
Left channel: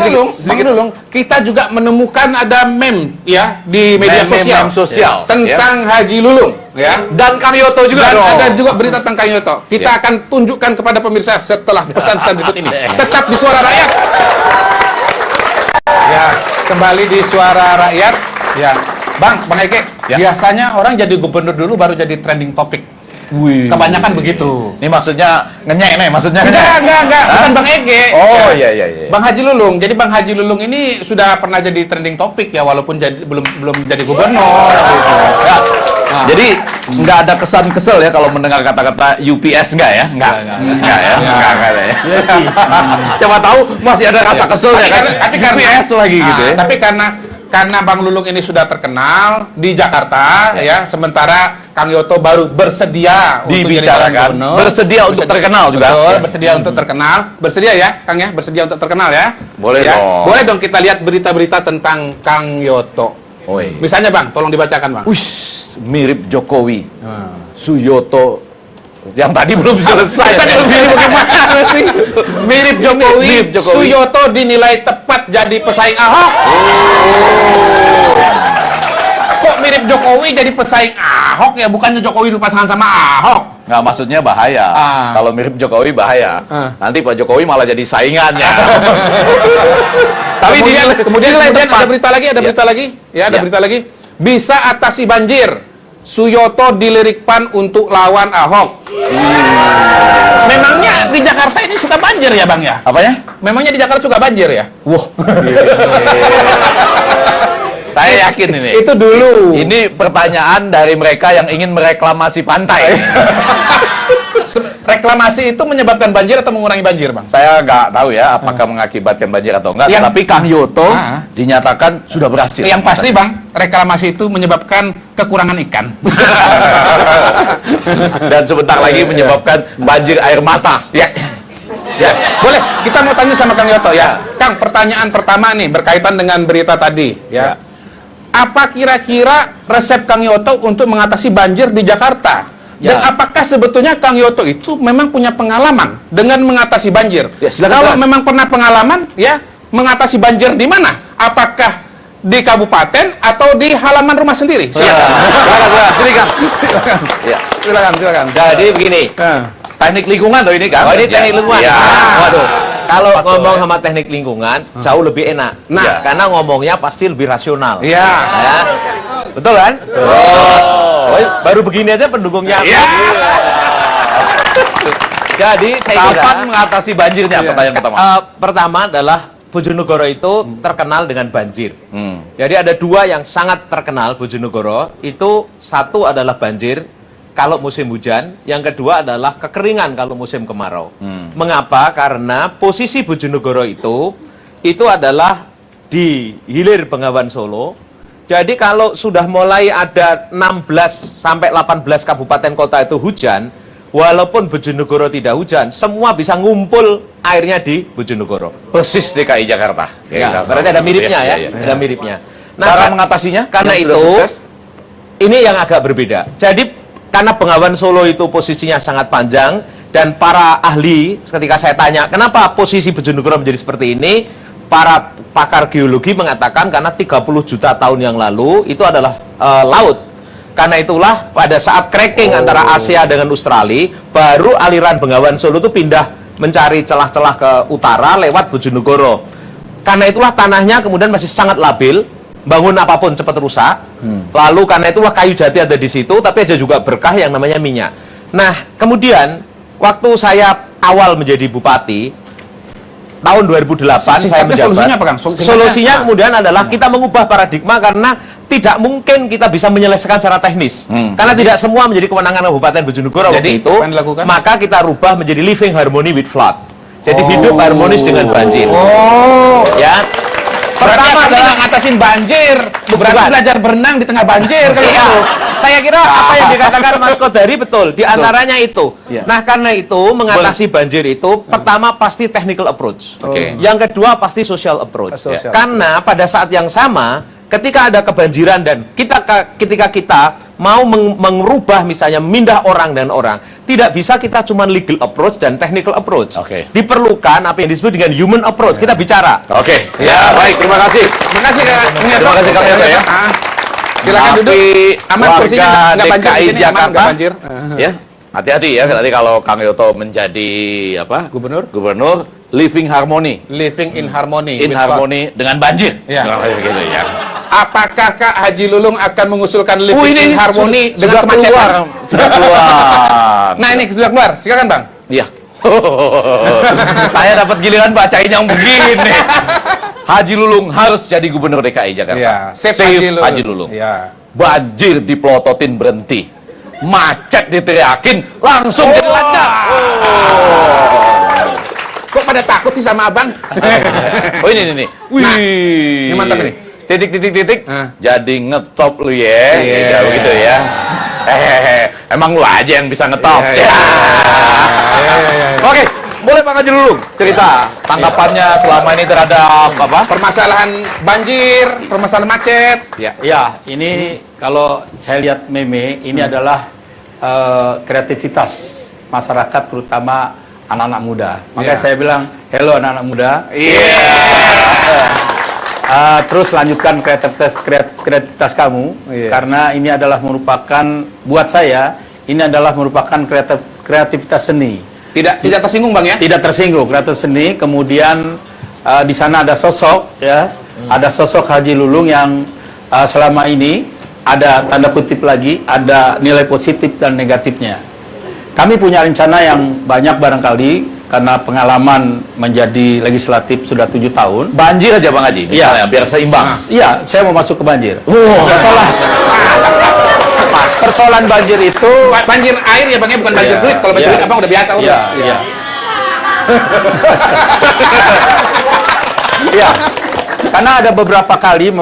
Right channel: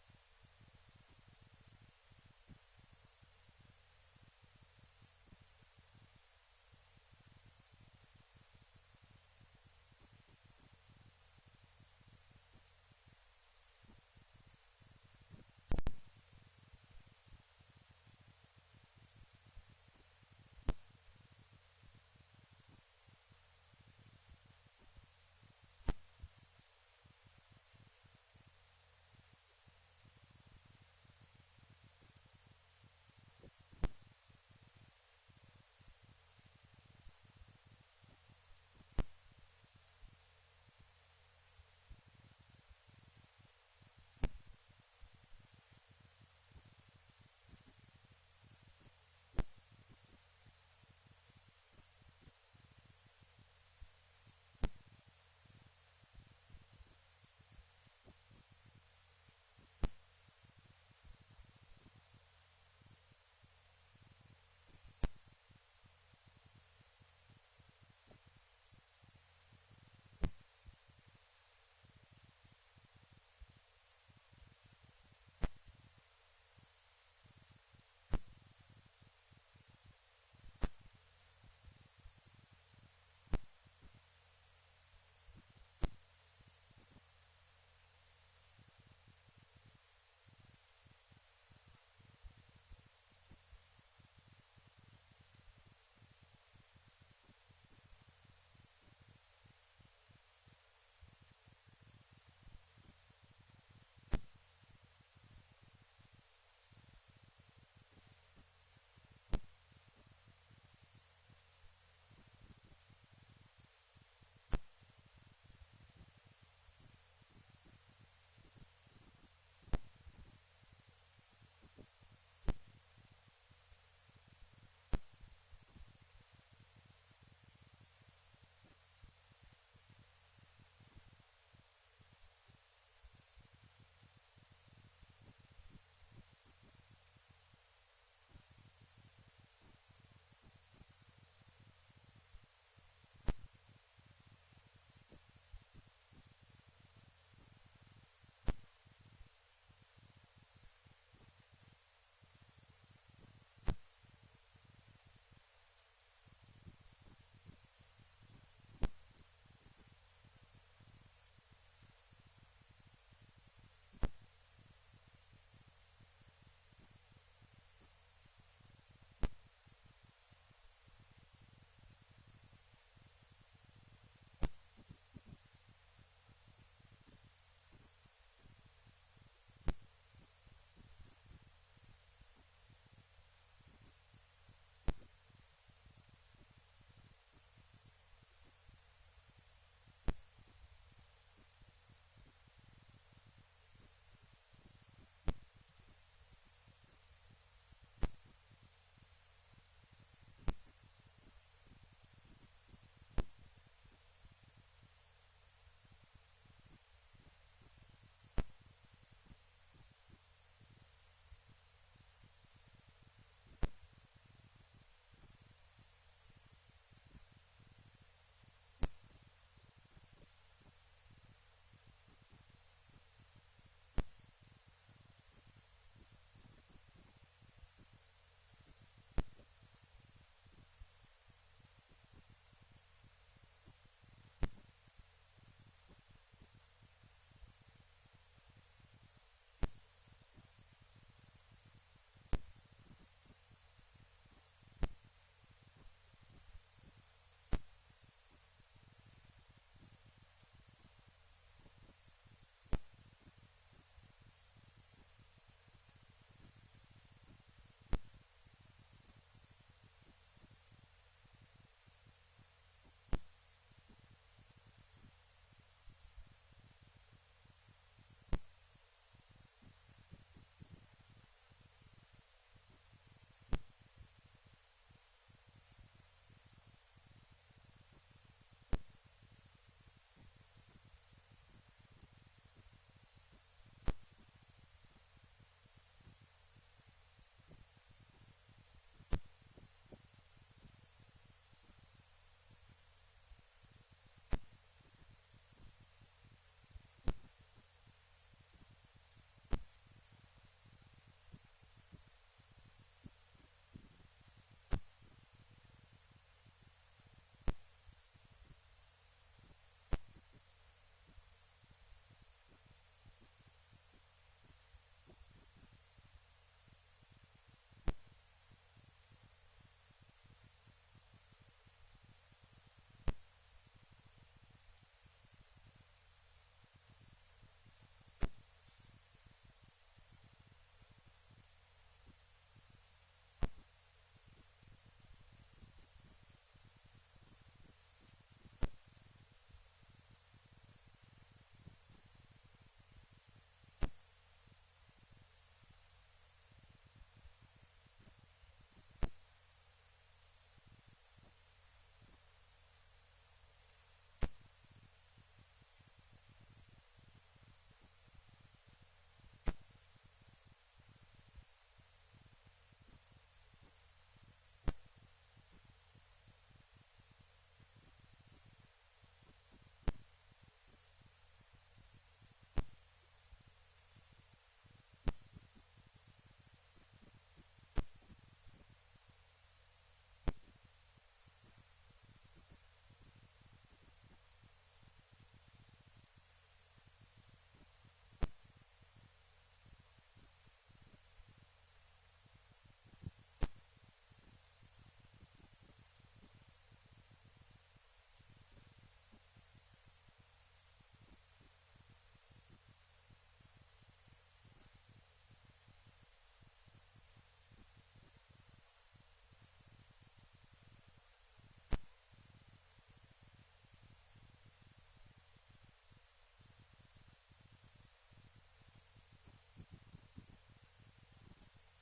Lulung, kita juga menemukan ada meme ya di media sosial tentang Haji Lulung ya. Dan Kang Yoto juga Dan dong. ada juga berita tentang Kang Yoto. Kita akan tunjukkan kepada pemirsa setelah pesan-pesan berikut ini. Tetap di Suara Rakyat. Ya, kembali di Suara Rakyat. Ya, Bang Eke, biasanya orang jadi gubernur dulu baru jadi trending topik. Kebanyakan begitu. Ini maksudnya ngenyek nih, maksudnya Enggak, bukan Bang Ege. Oh iya. Bang Haji Lulung. Jadi Bang Haji Lulung ini sudah pernah jadi trending topik ya, walaupun belum jadi gubernur gitu. Ya. Jadi nggak ada kesan kesel ya kalau mendengar kata-kata UPS nggak ya? Nggak ya. Coba tahu masih ada rasa keselnya kan? Tapi UPS lagi gitu ya. Tapi karena Bang Lulung ini sudah terkenal di Jakarta ya, sementara Kang Yoto baru bersedia untuk jadi calon gubernur. Bersedia untuk terkenal juga. Betul, bersedia untuk terkenal. Bersedia ya, Kang ya, bersedia untuk terkenal ya. Boleh ya? dong. Boleh dong kita lihat berita-berita tentang Kang Yoto. Misalnya Bang, tolong dibacakan Bang. Mirip Jokowi. Suyoto yang tadi belum selesai. Bagaimana sih? Mirip Jokowi. Suyoto dinilai tepat jadi pesaing Ahok. Kok mirip Jokowi jadi pesaing Ahok ya? Bukannya Jokowi berpasangan sama Ahok? Nggak, maksudnya bahaya. Kalau mirip Jokowi bahaya. Nanti Pak Jokowi malah jadi saingannya. Tapi kemudian ada berita lagi. Ya, ada berita lagi. Bisa atasi banjir. Suyoto dilirik PAN untuk lawan Ahok. Memangnya di Jakarta ini suka banjir ya Bang ya? Apanya? Memangnya di Jakarta suka banjir ya? Wah. Saya yakin ini. Itu dulu. Ini pertanyaan dari mereka yang ingin mereklamasi pantai. Reklamasi itu menyebabkan banjir atau mengurangi banjir, Bang? Saya nggak tahu ya apakah mengakibatkan banjir atau enggak. Tapi Kang Yoto dinyatakan sudah berhasil. Yang pasti, Bang, reklamasi itu menyebabkan kekurangan ikan. Dan sebentar lagi menyebabkan banjir air mata. Ya. Boleh, kita mau tanya sama Kang Yoto ya. Kang, pertanyaan pertama nih berkaitan dengan berita tadi ya. Apa kira-kira resep Kang Yoto untuk mengatasi banjir di Jakarta? Dan apakah sebetulnya Kang Yoto itu memang punya pengalaman dengan mengatasi banjir? Kalau memang pernah pengalaman, ya mengatasi banjir di mana? Apakah di kabupaten atau di halaman rumah sendiri? Silakan. Jadi begini, Teknik lingkungan tuh ini kan? oh ini teknik lingkungan. Ya. Waduh, kalau ngomong sama teknik lingkungan jauh lebih enak. Nah. Karena ngomongnya pasti lebih rasional. Iya. Ya. Betul kan? Oh, baru begini aja pendukungnya. Iya. Jadi saya kira Kapan mengatasi banjirnya? Pertanyaan pertama. pertama adalah Bojonegoro itu terkenal dengan banjir. Jadi ada dua yang sangat terkenal Bojonegoro. Itu satu adalah banjir kalau musim hujan, yang kedua adalah kekeringan kalau musim kemarau. Mengapa? Karena posisi Bojonegoro itu adalah di hilir Bengawan Solo. Jadi kalau sudah mulai ada 16 sampai 18 kabupaten kota itu hujan, walaupun Bojonegoro tidak hujan, semua bisa ngumpul airnya di Bojonegoro. Persis DKI Jakarta. Ya, berarti ada miripnya ya, Iya. ada miripnya. Cara kan- mengatasinya? karena yang sudah itu sukses? ini yang agak berbeda. Jadi karena Bengawan Solo itu posisinya sangat panjang dan para ahli ketika saya tanya kenapa posisi Bojonegoro menjadi seperti ini, para pakar geologi mengatakan karena 30 juta tahun yang lalu itu adalah laut. Karena itulah pada saat cracking antara Asia dengan Australia, baru aliran Bengawan Solo itu pindah mencari celah-celah ke utara lewat Bojonegoro. Karena itulah tanahnya kemudian masih sangat labil, bangun apapun cepat rusak. Lalu karena itulah kayu jati ada di situ, tapi ada juga berkah yang namanya minyak. Nah, kemudian waktu saya awal menjadi bupati, tahun 2008 saya menjabat. Solusinya apa, Kang? Solusinya kemudian adalah kita mengubah paradigma karena tidak mungkin kita bisa menyelesaikan secara teknis. Karena tidak semua menjadi kewenangan Kabupaten Bojonegoro waktu Jadi, itu. apa yang dilakukan? Maka kita rubah menjadi living harmony with flood. Jadi hidup harmonis dengan banjir. Oh. Ya. Pertama adalah ngatasin banjir, berarti Bukan. belajar berenang di tengah banjir kali Iya, itu. saya kira apa yang dikatakan Mas Kodari betul. Di antaranya itu. Iya. Nah, karena itu mengatasi banjir itu pertama pasti technical approach. Oke. Yang kedua pasti social approach. Social. Karena pada saat yang sama ketika ada kebanjiran dan ketika kita mau merubah misalnya mindah orang dan orang, tidak bisa kita cuma legal approach dan technical approach. Oke. Diperlukan apa yang disebut dengan human approach. Kita bicara. Oke. Ya, baik. Terima kasih. Terima kasih Kang Ngeto. Terima kasih, Kang Ngeto, ya. Silakan Tapi duduk. Aman warga kursinya nggak banjir DKI di sini, aman Jakarta. nggak banjir. Ya, hati-hati ya. Nanti kalau Kang Yoto menjadi apa? Gubernur? Gubernur, living harmony. Living in harmony. In with harmony dengan banjir. Iya. Nah, gitu ya. Apakah Kak Haji Lulung akan mengusulkan living in harmony dengan sudah kemacetan? keluar, sudah keluar. Nah ini sudah keluar, silakan Bang. Iya. Saya dapat giliran bacain yang begini. Haji Lulung harus jadi gubernur DKI Jakarta. Iya, Save Haji Lulung. Iya. Banjir dipelototin berhenti. Macet diteriakin, langsung jadi lancar. Kok pada takut sih sama Abang? Oh ini. Wih. ini mantap ini. Titik. Hah. Jadi ngetop lu ya. Iya. Ya, begitu ya. Emang lu aja yang bisa ngetop. Iya. Oke, boleh Pak Haji Lulung cerita tanggapannya selama ini terhadap apa? Permasalahan banjir, permasalahan macet. Ya, ini kalau saya lihat meme, ini adalah kreativitas masyarakat, terutama anak-anak muda. Makanya saya bilang, hello anak-anak muda. Terus lanjutkan kreativitas kamu, karena ini adalah merupakan, buat saya, ini adalah merupakan kreativitas seni. Tidak tersinggung Bang ya? Tidak tersinggung, kreativitas seni. Kemudian di sana ada sosok, ya, ada sosok Haji Lulung yang selama ini ada tanda kutip lagi, ada nilai positif dan negatifnya. Kami punya rencana yang banyak barangkali karena pengalaman menjadi legislatif sudah 7 tahun. Banjir aja Bang Haji, misalnya, biar seimbang. Iya, saya mau masuk ke banjir. Persoalan banjir itu Banjir air ya Bang ya, bukan banjir duit. Kalau banjir duit Abang udah biasa urus. Iya. Iya. Karena ada beberapa kali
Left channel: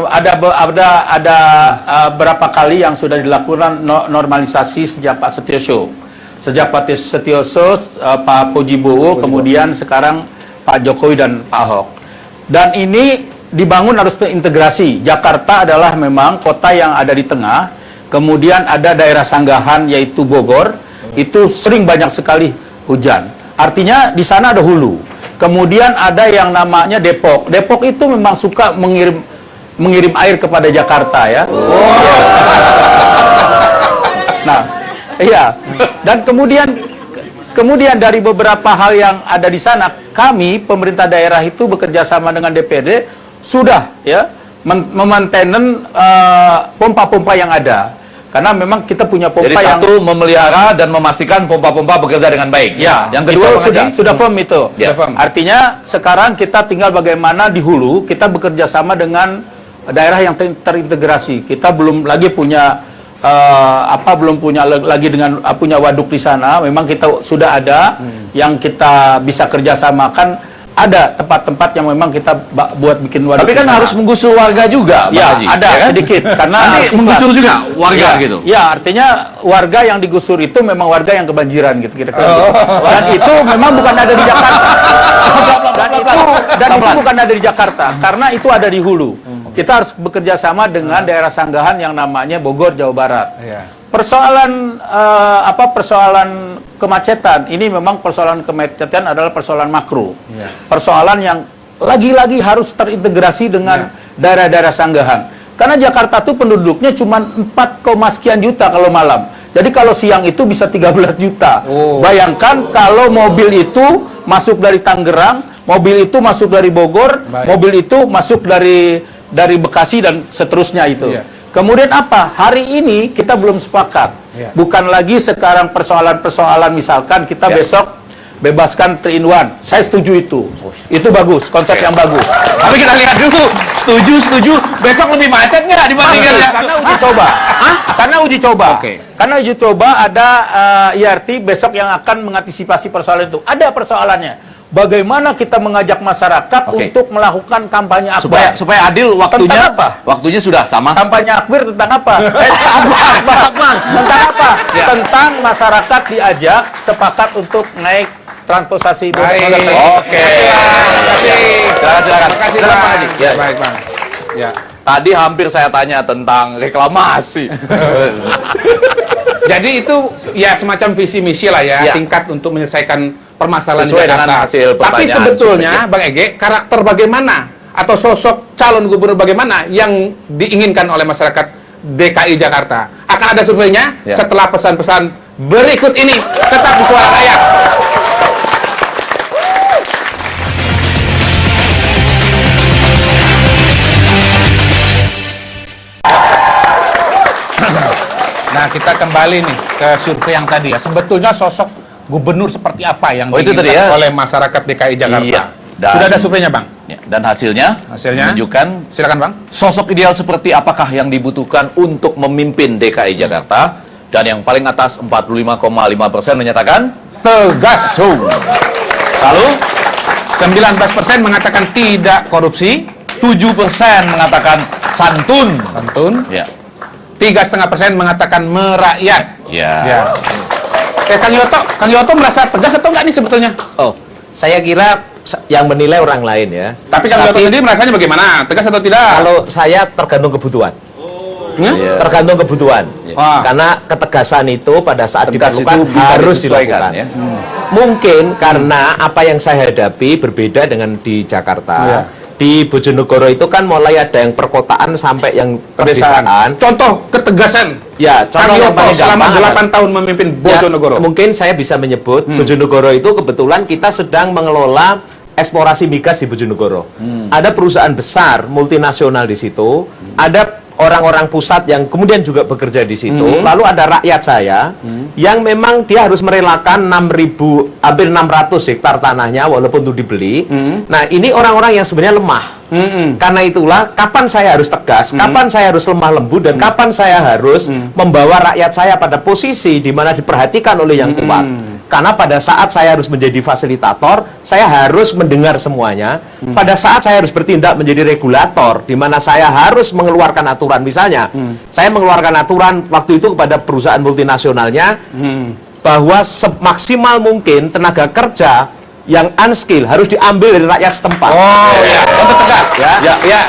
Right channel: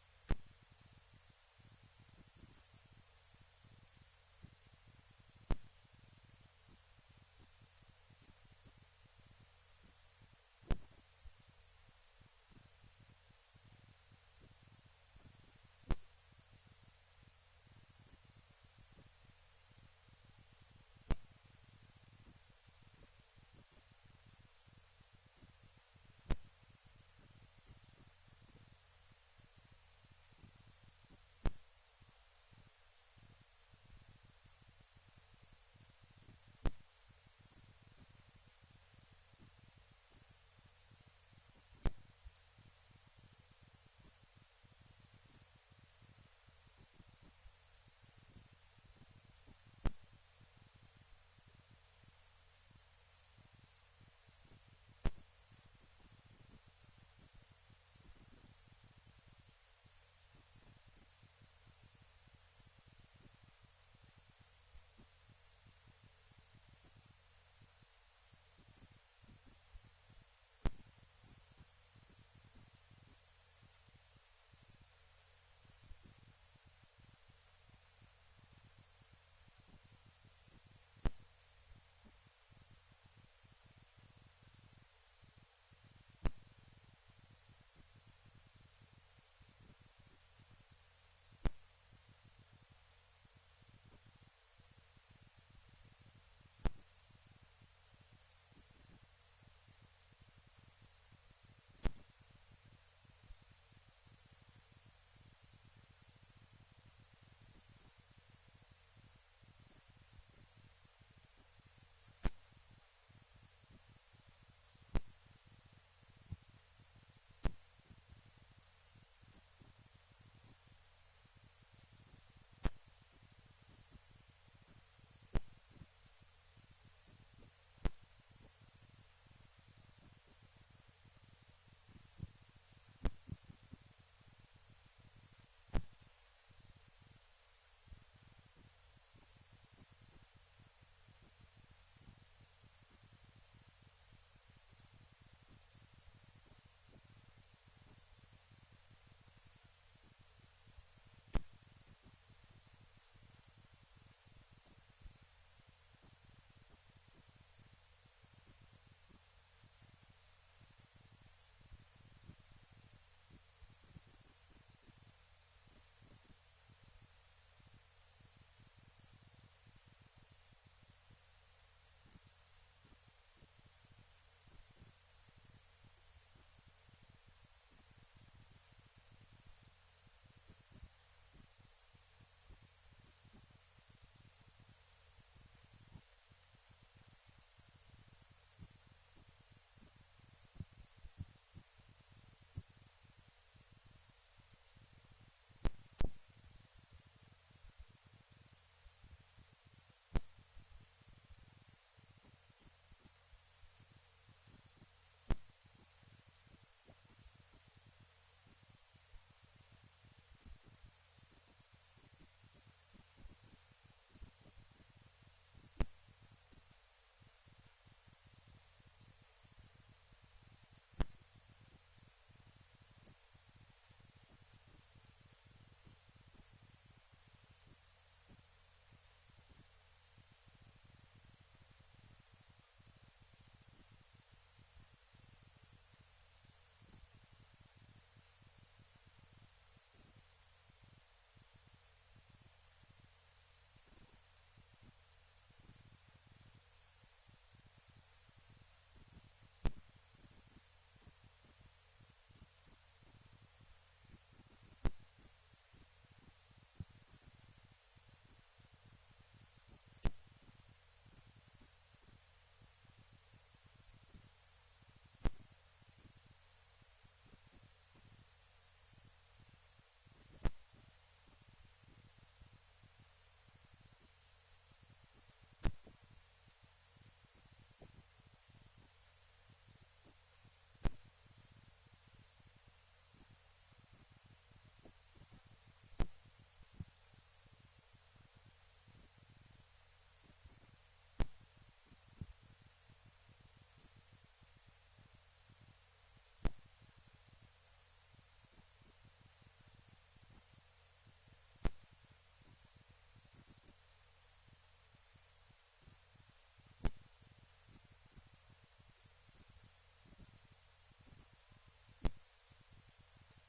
beberapa kali yang sudah dilakukan normalisasi sejak Pak Setioso. Sejak Pak Setioso, Pak Pojibowo, kemudian sekarang Pak Jokowi dan Pak Ahok. Dan ini dibangun harus terintegrasi. Jakarta adalah memang kota yang ada di tengah, kemudian ada daerah sanggahan yaitu Bogor, itu sering banyak sekali hujan. Artinya di sana ada hulu. Kemudian ada yang namanya Depok. Depok itu memang suka mengirim mengirim air kepada Jakarta ya. Nah, iya. Dan kemudian dari beberapa hal yang ada di sana, kami pemerintah daerah itu bekerja sama dengan DPRD sudah ya memainten pompa-pompa yang ada. Karena memang kita punya pompa Jadi yang satu memelihara dan memastikan pompa-pompa bekerja dengan baik. ya. Yang kedua sudah firm itu. Ya. Artinya sekarang kita tinggal bagaimana di hulu kita bekerja sama dengan daerah yang terintegrasi. Kita belum lagi punya belum punya lagi dengan punya waduk di sana. Memang kita sudah ada yang kita bisa kerjasamakan. Ada tempat-tempat yang memang kita buat bikin waduk. Tapi kan harus menggusur warga juga, Pak ya, Haji. ada Ya kan? sedikit karena Nanti harus menggusur ikhlas. juga warga Ya, gitu. ya, artinya warga yang digusur itu memang warga yang kebanjiran gitu kira-kira. Dan itu memang bukan ada di Jakarta. Dan itu bukan ada di Jakarta karena itu ada di hulu. Kita harus bekerja sama dengan daerah sanggahan yang namanya Bogor, Jawa Barat. Persoalan persoalan kemacetan ini memang persoalan kemacetan adalah persoalan makro. Persoalan yang lagi-lagi harus terintegrasi dengan daerah-daerah sanggahan. Karena Jakarta tuh penduduknya cuma 4, sekian juta kalau malam. Jadi kalau siang itu bisa 13 juta. Bayangkan kalau mobil itu masuk dari Tangerang, mobil itu masuk dari Bogor, mobil itu masuk dari Bekasi dan seterusnya itu. Kemudian apa? Hari ini kita belum sepakat. Bukan lagi sekarang persoalan-persoalan misalkan kita besok bebaskan 3-in-1. Saya setuju itu. Itu bagus, konsep yang bagus. Tapi kita lihat dulu. Setuju. Besok lebih macet nggak dibandingkan ya? Karena uji coba. Karena uji coba. Karena uji coba ada IRT besok yang akan mengantisipasi persoalan itu. Ada persoalannya. Bagaimana kita mengajak masyarakat untuk melakukan kampanye akbar supaya adil waktunya. Tentang apa? Waktunya sudah sama. Kampanye akbar tentang apa? Akbar. Tentang apa? Tentang masyarakat diajak sepakat untuk naik transportasi. Oke. Silakan. Silakan, Pak Haji. Ya. Baik, Bang. Ya. Tadi hampir saya tanya tentang reklamasi. Jadi itu ya semacam visi misi lah ya, singkat untuk menyelesaikan permasalahan Sesuai Jakarta. dengan hasil Tapi pertanyaan sebetulnya Bang Ege, karakter bagaimana atau sosok calon gubernur bagaimana yang diinginkan oleh masyarakat DKI Jakarta? Akan ada surveinya setelah pesan-pesan berikut ini. Tetap di Suara Rakyat. Nah, kita kembali nih ke survei yang tadi ya. Sebetulnya sosok gubernur seperti apa yang itu tadi diinginkan ya. oleh masyarakat DKI Jakarta? Iya. Dan- Sudah ada surveinya, Bang? Ya, dan hasilnya menunjukkan Silakan, Bang. sosok ideal seperti apakah yang dibutuhkan untuk memimpin DKI Jakarta. Dan yang paling atas 45,5% menyatakan Tegas. lalu 19% mengatakan tidak korupsi. 7% mengatakan santun. Santun. Ya. 3,5% mengatakan merakyat. Ya. Kang Yoto merasa tegas atau enggak nih sebetulnya? Oh, saya kira yang menilai orang lain ya. Tapi Kang Yoto sendiri merasanya bagaimana? Tegas atau tidak? Kalau saya tergantung kebutuhan. Iya. Tergantung kebutuhan. Wah. Karena ketegasan itu pada saat Tegas diperlukan itu bisa harus disesuaikan, dilakukan. ya. Mungkin karena apa yang saya hadapi berbeda dengan di Jakarta. Iya. Di Bojonegoro itu kan mulai ada yang perkotaan sampai yang pedesaan. Contoh ketegasan. Ya, Kang contoh yang Yoto paling selama gampang 8 tahun memimpin Bojonegoro. Ya, mungkin saya bisa menyebut Bojonegoro itu kebetulan kita sedang mengelola eksplorasi migas di Bojonegoro. Ada perusahaan besar multinasional di situ, ada orang-orang pusat yang kemudian juga bekerja di situ. Lalu ada rakyat saya yang memang dia harus merelakan 6.000 hampir 600 hektar tanahnya walaupun itu dibeli. Nah, ini orang-orang yang sebenarnya lemah. Karena itulah kapan saya harus tegas, kapan saya harus lemah lembut dan kapan saya harus membawa rakyat saya pada posisi di mana diperhatikan oleh yang kuat. Karena pada saat saya harus menjadi fasilitator, saya harus mendengar semuanya. Pada saat saya harus bertindak menjadi regulator, di mana saya harus mengeluarkan aturan. Misalnya, saya mengeluarkan aturan waktu itu kepada perusahaan multinasionalnya, bahwa semaksimal mungkin tenaga kerja yang unskill harus diambil dari rakyat setempat. Oh ya, untuk tegas ya. Ya.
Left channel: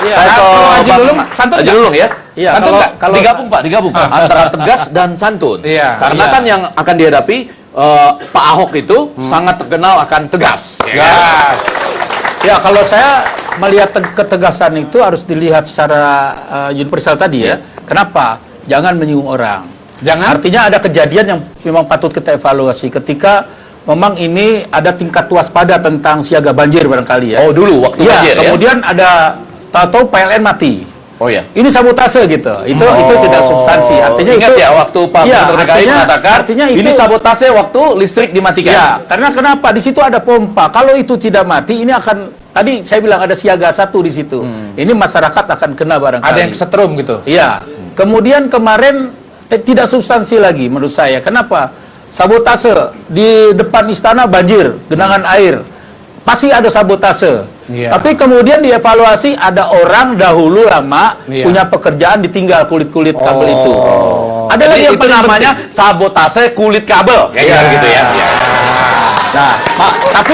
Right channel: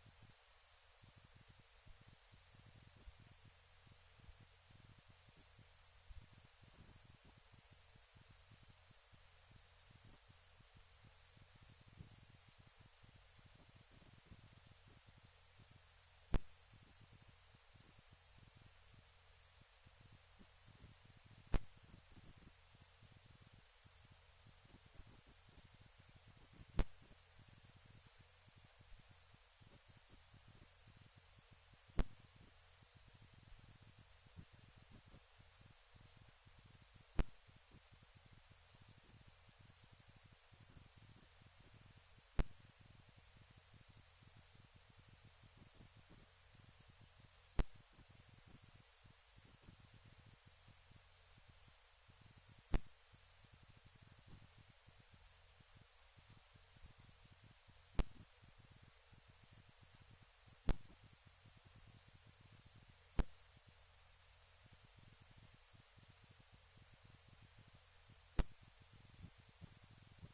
Saya ke Haji Lulung, santun Haji nggak? Lulung ya. Iya, Santun nggak? kalau digabung Pak, digabung antara tegas dan santun. Iya, Karena iya. kan yang akan dihadapi Pak Ahok itu sangat terkenal akan tegas. Ya. Ya, kalau saya melihat ketegasan itu harus dilihat secara universal tadi ya. Kenapa? Jangan menyinggung orang. Jangan. Artinya ada kejadian yang memang patut kita evaluasi ketika memang ini ada tingkat waspada tentang siaga banjir barangkali ya. Oh, dulu waktu ya, banjir ya. kemudian ada tahu-tahu PLN mati. Oh ya. Ini sabotase gitu. Itu tidak substansi. Artinya ingat itu ya waktu Pak ya, Gubernur DKI mengatakan artinya itu ini sabotase waktu listrik dimatikan. Ya, karena kenapa? Di situ ada pompa. Kalau itu tidak mati, ini akan tadi saya bilang ada siaga 1 di situ. Ini masyarakat akan kena barangkali. Ada yang setrum gitu. Iya. Kemudian kemarin tidak substansi lagi menurut saya. Kenapa? Sabotase di depan istana banjir, genangan air. Pasti ada sabotase. Iya. Tapi kemudian dievaluasi ada orang dahulu lama Iya. punya pekerjaan ditinggal kulit-kulit kabel itu. Ada Jadi lagi yang itu paling namanya penting. sabotase kulit kabel. Kayak Iya. gitu ya. Iya. Nah, Pak, tapi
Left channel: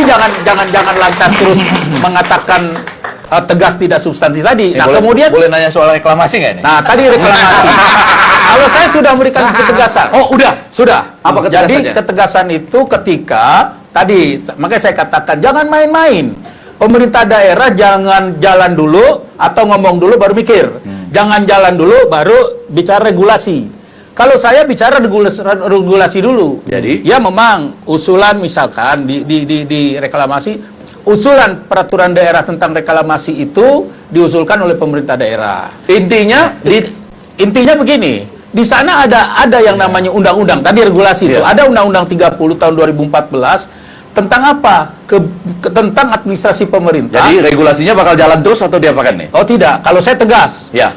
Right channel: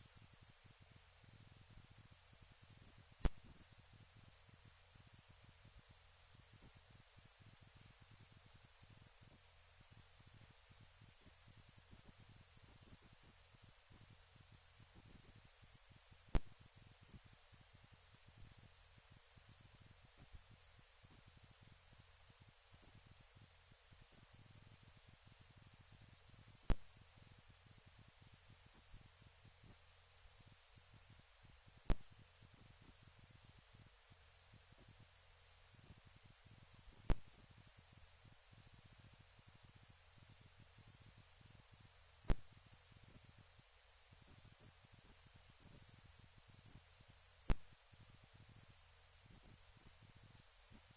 jangan lantas terus mengatakan tegas tidak substansi tadi. Nah, boleh, kemudian boleh nanya soal reklamasi nggak ini? nah tadi reklamasi. Kalau saya sudah memberikan ketegasan. Oh, udah. Sudah. Apa ketegasannya? Jadi ketegasan itu ketika tadi makanya saya katakan jangan main-main. Pemerintah daerah jangan jalan dulu atau ngomong dulu baru mikir. Jangan jalan dulu baru bicara regulasi. Kalau saya bicara regulasi dulu. Jadi? Ya memang usulan misalkan di reklamasi, usulan peraturan daerah tentang reklamasi itu diusulkan oleh pemerintah daerah. Intinya begini, di sana ada yang namanya undang-undang, tadi regulasi itu. Ada Undang-Undang 30 tahun 2014 tentang apa? Tentang administrasi pemerintah. Jadi regulasinya bakal jalan terus atau diapakan nih? Oh tidak, kalau saya tegas. Ya.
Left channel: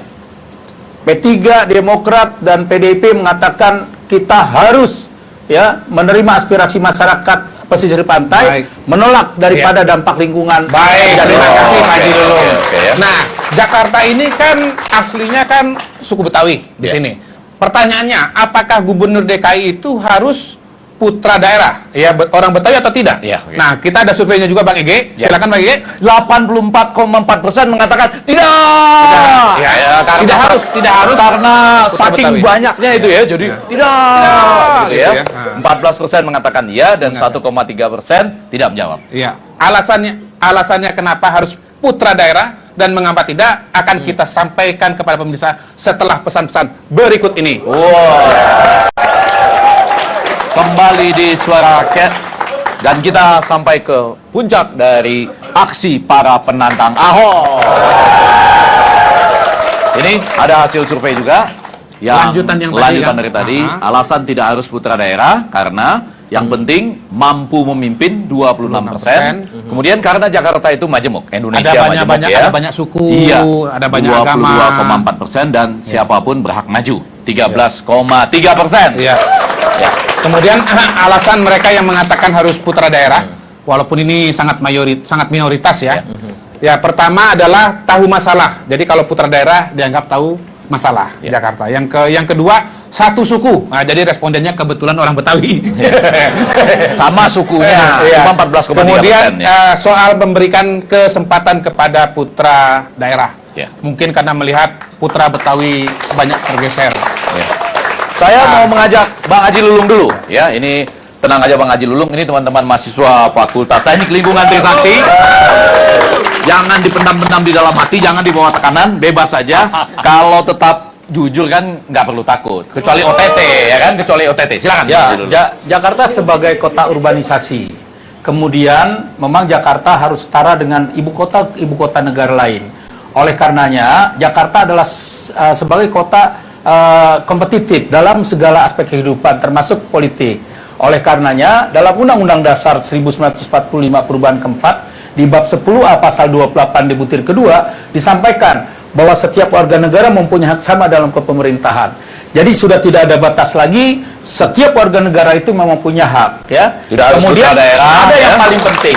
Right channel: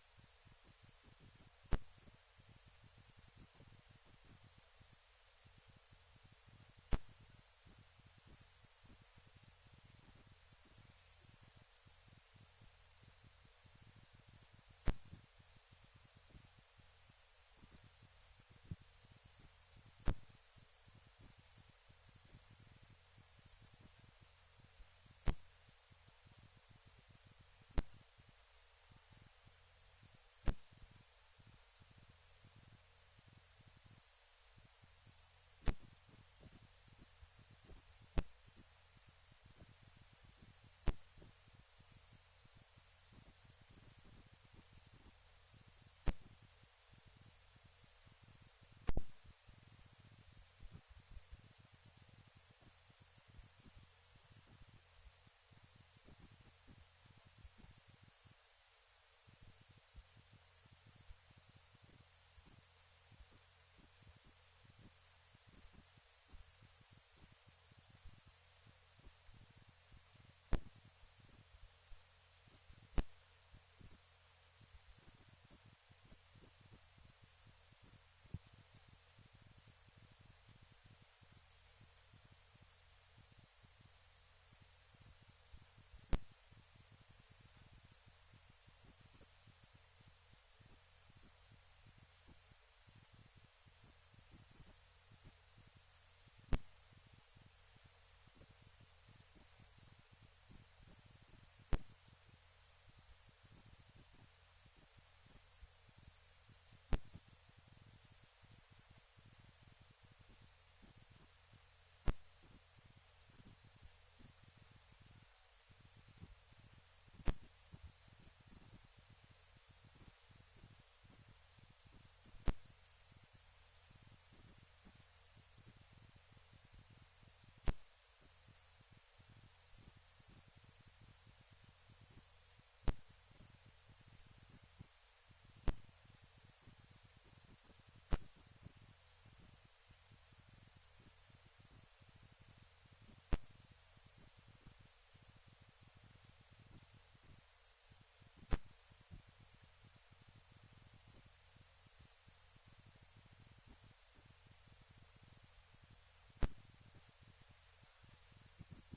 P3, Demokrat, dan PDIP mengatakan kita harus ya menerima aspirasi masyarakat pesisir pantai, Baik. menolak daripada dampak lingkungan. Baik, dan terima kasih Pak Haji Lulung. oke, ya. Nah, Jakarta ini kan aslinya kan suku Betawi di Ya. sini. Pertanyaannya, apakah Gubernur DKI itu harus putra daerah? Ya, orang Betawi atau tidak? Ya, oke. Nah, kita ada surveinya juga Bang Ege. Ya. Silakan Bang Ege. 84,4% mengatakan tidak. Ya, karena tidak harus. Karena Putra saking Betawi. banyaknya itu ya, jadi tidak. Gitu gitu ya. ya. 14% mengatakan iya dan 1,3% tidak menjawab. Iya. Alasannya kenapa harus putra daerah dan mengapa tidak akan kita sampaikan kepada pemirsa setelah pesan-pesan berikut ini. Wow. Kembali di Suara Rakyat dan kita sampai ke puncak dari aksi para penantang Ahok. Ini ada hasil survei juga yang Lanjutan yang tadi lanjutan kan? dari tadi. Aha. Alasan tidak harus putra daerah karena yang penting mampu memimpin 26%. Kemudian karena Jakarta itu majemuk, Indonesia majemuk ya. Ada banyak suku, Iya, ada banyak agama. 22,4% dan siapapun berhak maju 13,3%. Iya. Ya. Kemudian alasan mereka yang mengatakan harus putra daerah, walaupun ini sangat minoritas ya. Ya, pertama adalah tahu masalah. Jadi kalau putra daerah dianggap tahu masalah di Jakarta. Yang kedua, satu suku. Nah, jadi respondennya kebetulan orang Betawi. Sama sukunya, Iya. cuma 14,3%. Kemudian ya. soal memberikan kesempatan kepada putra daerah. Ya. Mungkin karena melihat putra Betawi banyak tergeser. Ya. Saya mau mengajak Bang Haji Lulung dulu. Ya, ini tenang aja Bang Haji Lulung. Ini teman-teman mahasiswa Fakultas Teknik Lingkungan Trisakti. Jangan dipendam-pendam di dalam hati, jangan dibawa tekanan, bebas saja. Kalau tetap jujur kan nggak perlu takut. Kecuali OTT, ya kan? Kecuali OTT. Silakan. Bang Ya, Haji Lulung. Jakarta sebagai kota urbanisasi. Kemudian memang Jakarta harus setara dengan ibu kota negara lain. Oleh karenanya, Jakarta adalah sebagai kota kompetitif dalam segala aspek kehidupan, termasuk politik. Oleh karenanya, dalam Undang-Undang Dasar 1945 perubahan keempat, di bab 10A pasal 28 di butir kedua, disampaikan bahwa setiap warga negara mempunyai hak sama dalam kepemerintahan. Jadi sudah tidak ada batas lagi, setiap warga negara itu memang punya hak, ya. Tidak harus Kemudian putra daerah, ada yang ya. paling penting,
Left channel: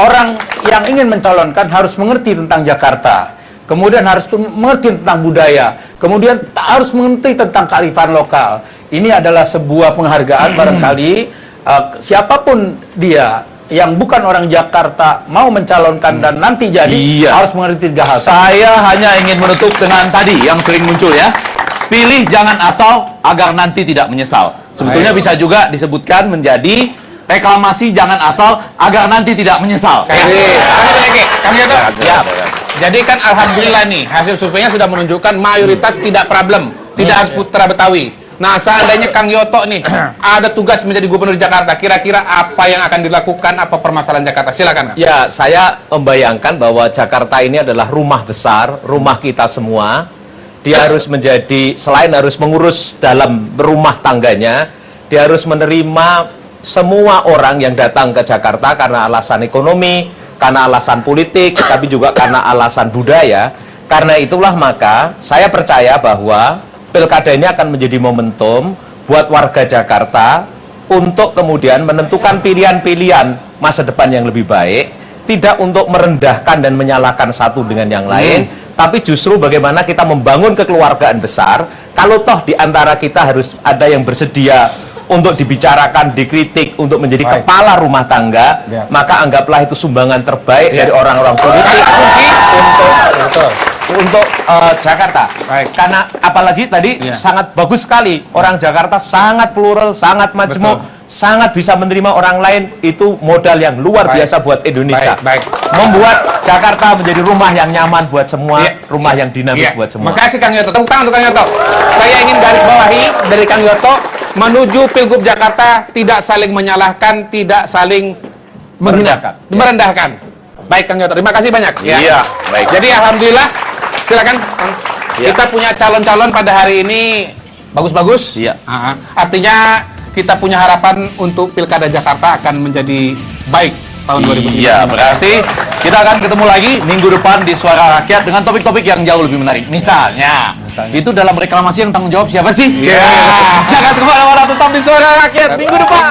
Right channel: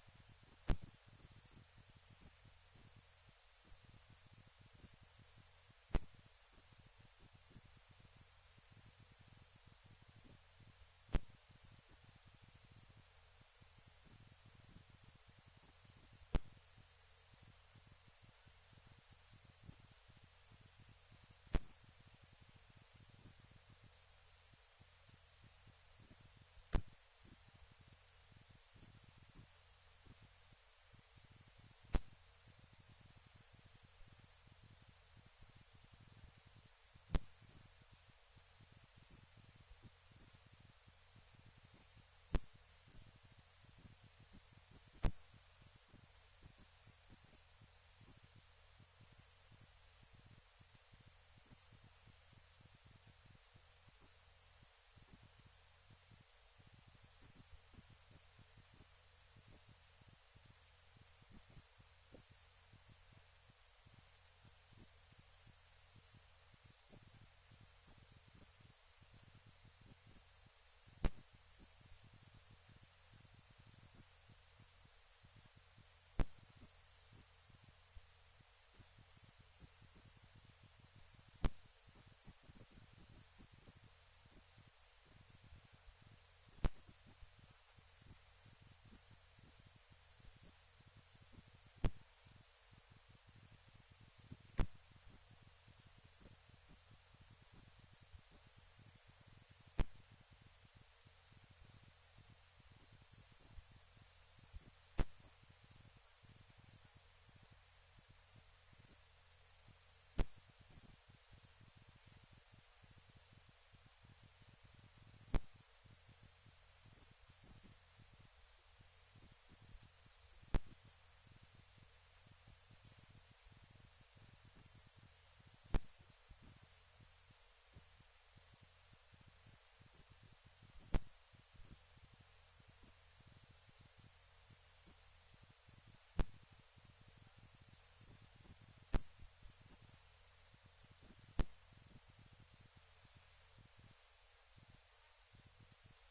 orang yang ingin mencalonkan harus mengerti tentang Jakarta. Kemudian harus mengerti tentang budaya, kemudian harus mengerti tentang kearifan lokal. Ini adalah sebuah penghargaan barangkali siapapun dia yang bukan orang Jakarta mau mencalonkan dan nanti jadi Iya. harus mengerti 3 hal. Saya hanya ingin menutup dengan tadi yang sering muncul ya. Pilih jangan asal agar nanti tidak menyesal. Sebetulnya bisa juga disebutkan menjadi reklamasi jangan asal agar nanti tidak menyesal. Kasih banyak, Ki. Kang Yoto. Ya. Jadi kan alhamdulillah nih, hasil surveinya sudah menunjukkan mayoritas tidak problem, tidak harus putra Betawi. Nah, seandainya Kang Yoto nih ada tugas menjadi gubernur Jakarta, kira-kira apa yang akan dilakukan, apa permasalahan Jakarta? Silakan, Kang. Ya, saya membayangkan bahwa Jakarta ini adalah rumah besar, rumah kita semua. Dia harus menjadi, selain harus mengurus dalam rumah tangganya, dia harus menerima semua orang yang datang ke Jakarta karena alasan ekonomi, karena alasan politik, tapi juga karena alasan budaya. Karena itulah maka saya percaya bahwa pilkada ini akan menjadi momentum buat warga Jakarta untuk kemudian menentukan pilihan-pilihan masa depan yang lebih baik, tidak untuk merendahkan dan menyalahkan satu dengan yang lain, tapi justru bagaimana kita membangun kekeluargaan besar. Kalau toh di antara kita harus ada yang bersedia untuk dibicarakan, dikritik, untuk menjadi kepala rumah tangga, maka anggaplah itu sumbangan terbaik dari orang-orang politik untuk Jakarta. Karena apalagi tadi sangat bagus sekali, orang Jakarta sangat plural, sangat majemuk, sangat bisa menerima orang lain, itu modal yang luar biasa buat Indonesia. Membuat Jakarta menjadi rumah yang nyaman buat semua, rumah yang dinamis buat semua. Makasih Kang Yoto. Tepuk tangan untuk Kang Yoto. Saya ingin garis bawahi dari Kang Yoto, menuju Pilgub Jakarta tidak saling menyalahkan, tidak saling merendahkan. Baik Kang Yoto, terima kasih banyak. Iya, baik. Jadi alhamdulillah, silakan Kang. Kita punya calon-calon pada hari ini bagus-bagus. Iya. Artinya kita punya harapan untuk Pilkada Jakarta akan menjadi baik tahun 2020. Iya, berarti kita akan ketemu lagi minggu depan di Suara Rakyat dengan topik-topik yang jauh lebih menarik. Misalnya, itu dalam reklamasi yang tanggung jawab siapa sih? Iya. Jangan kemana-mana, tetap di Suara Rakyat minggu depan.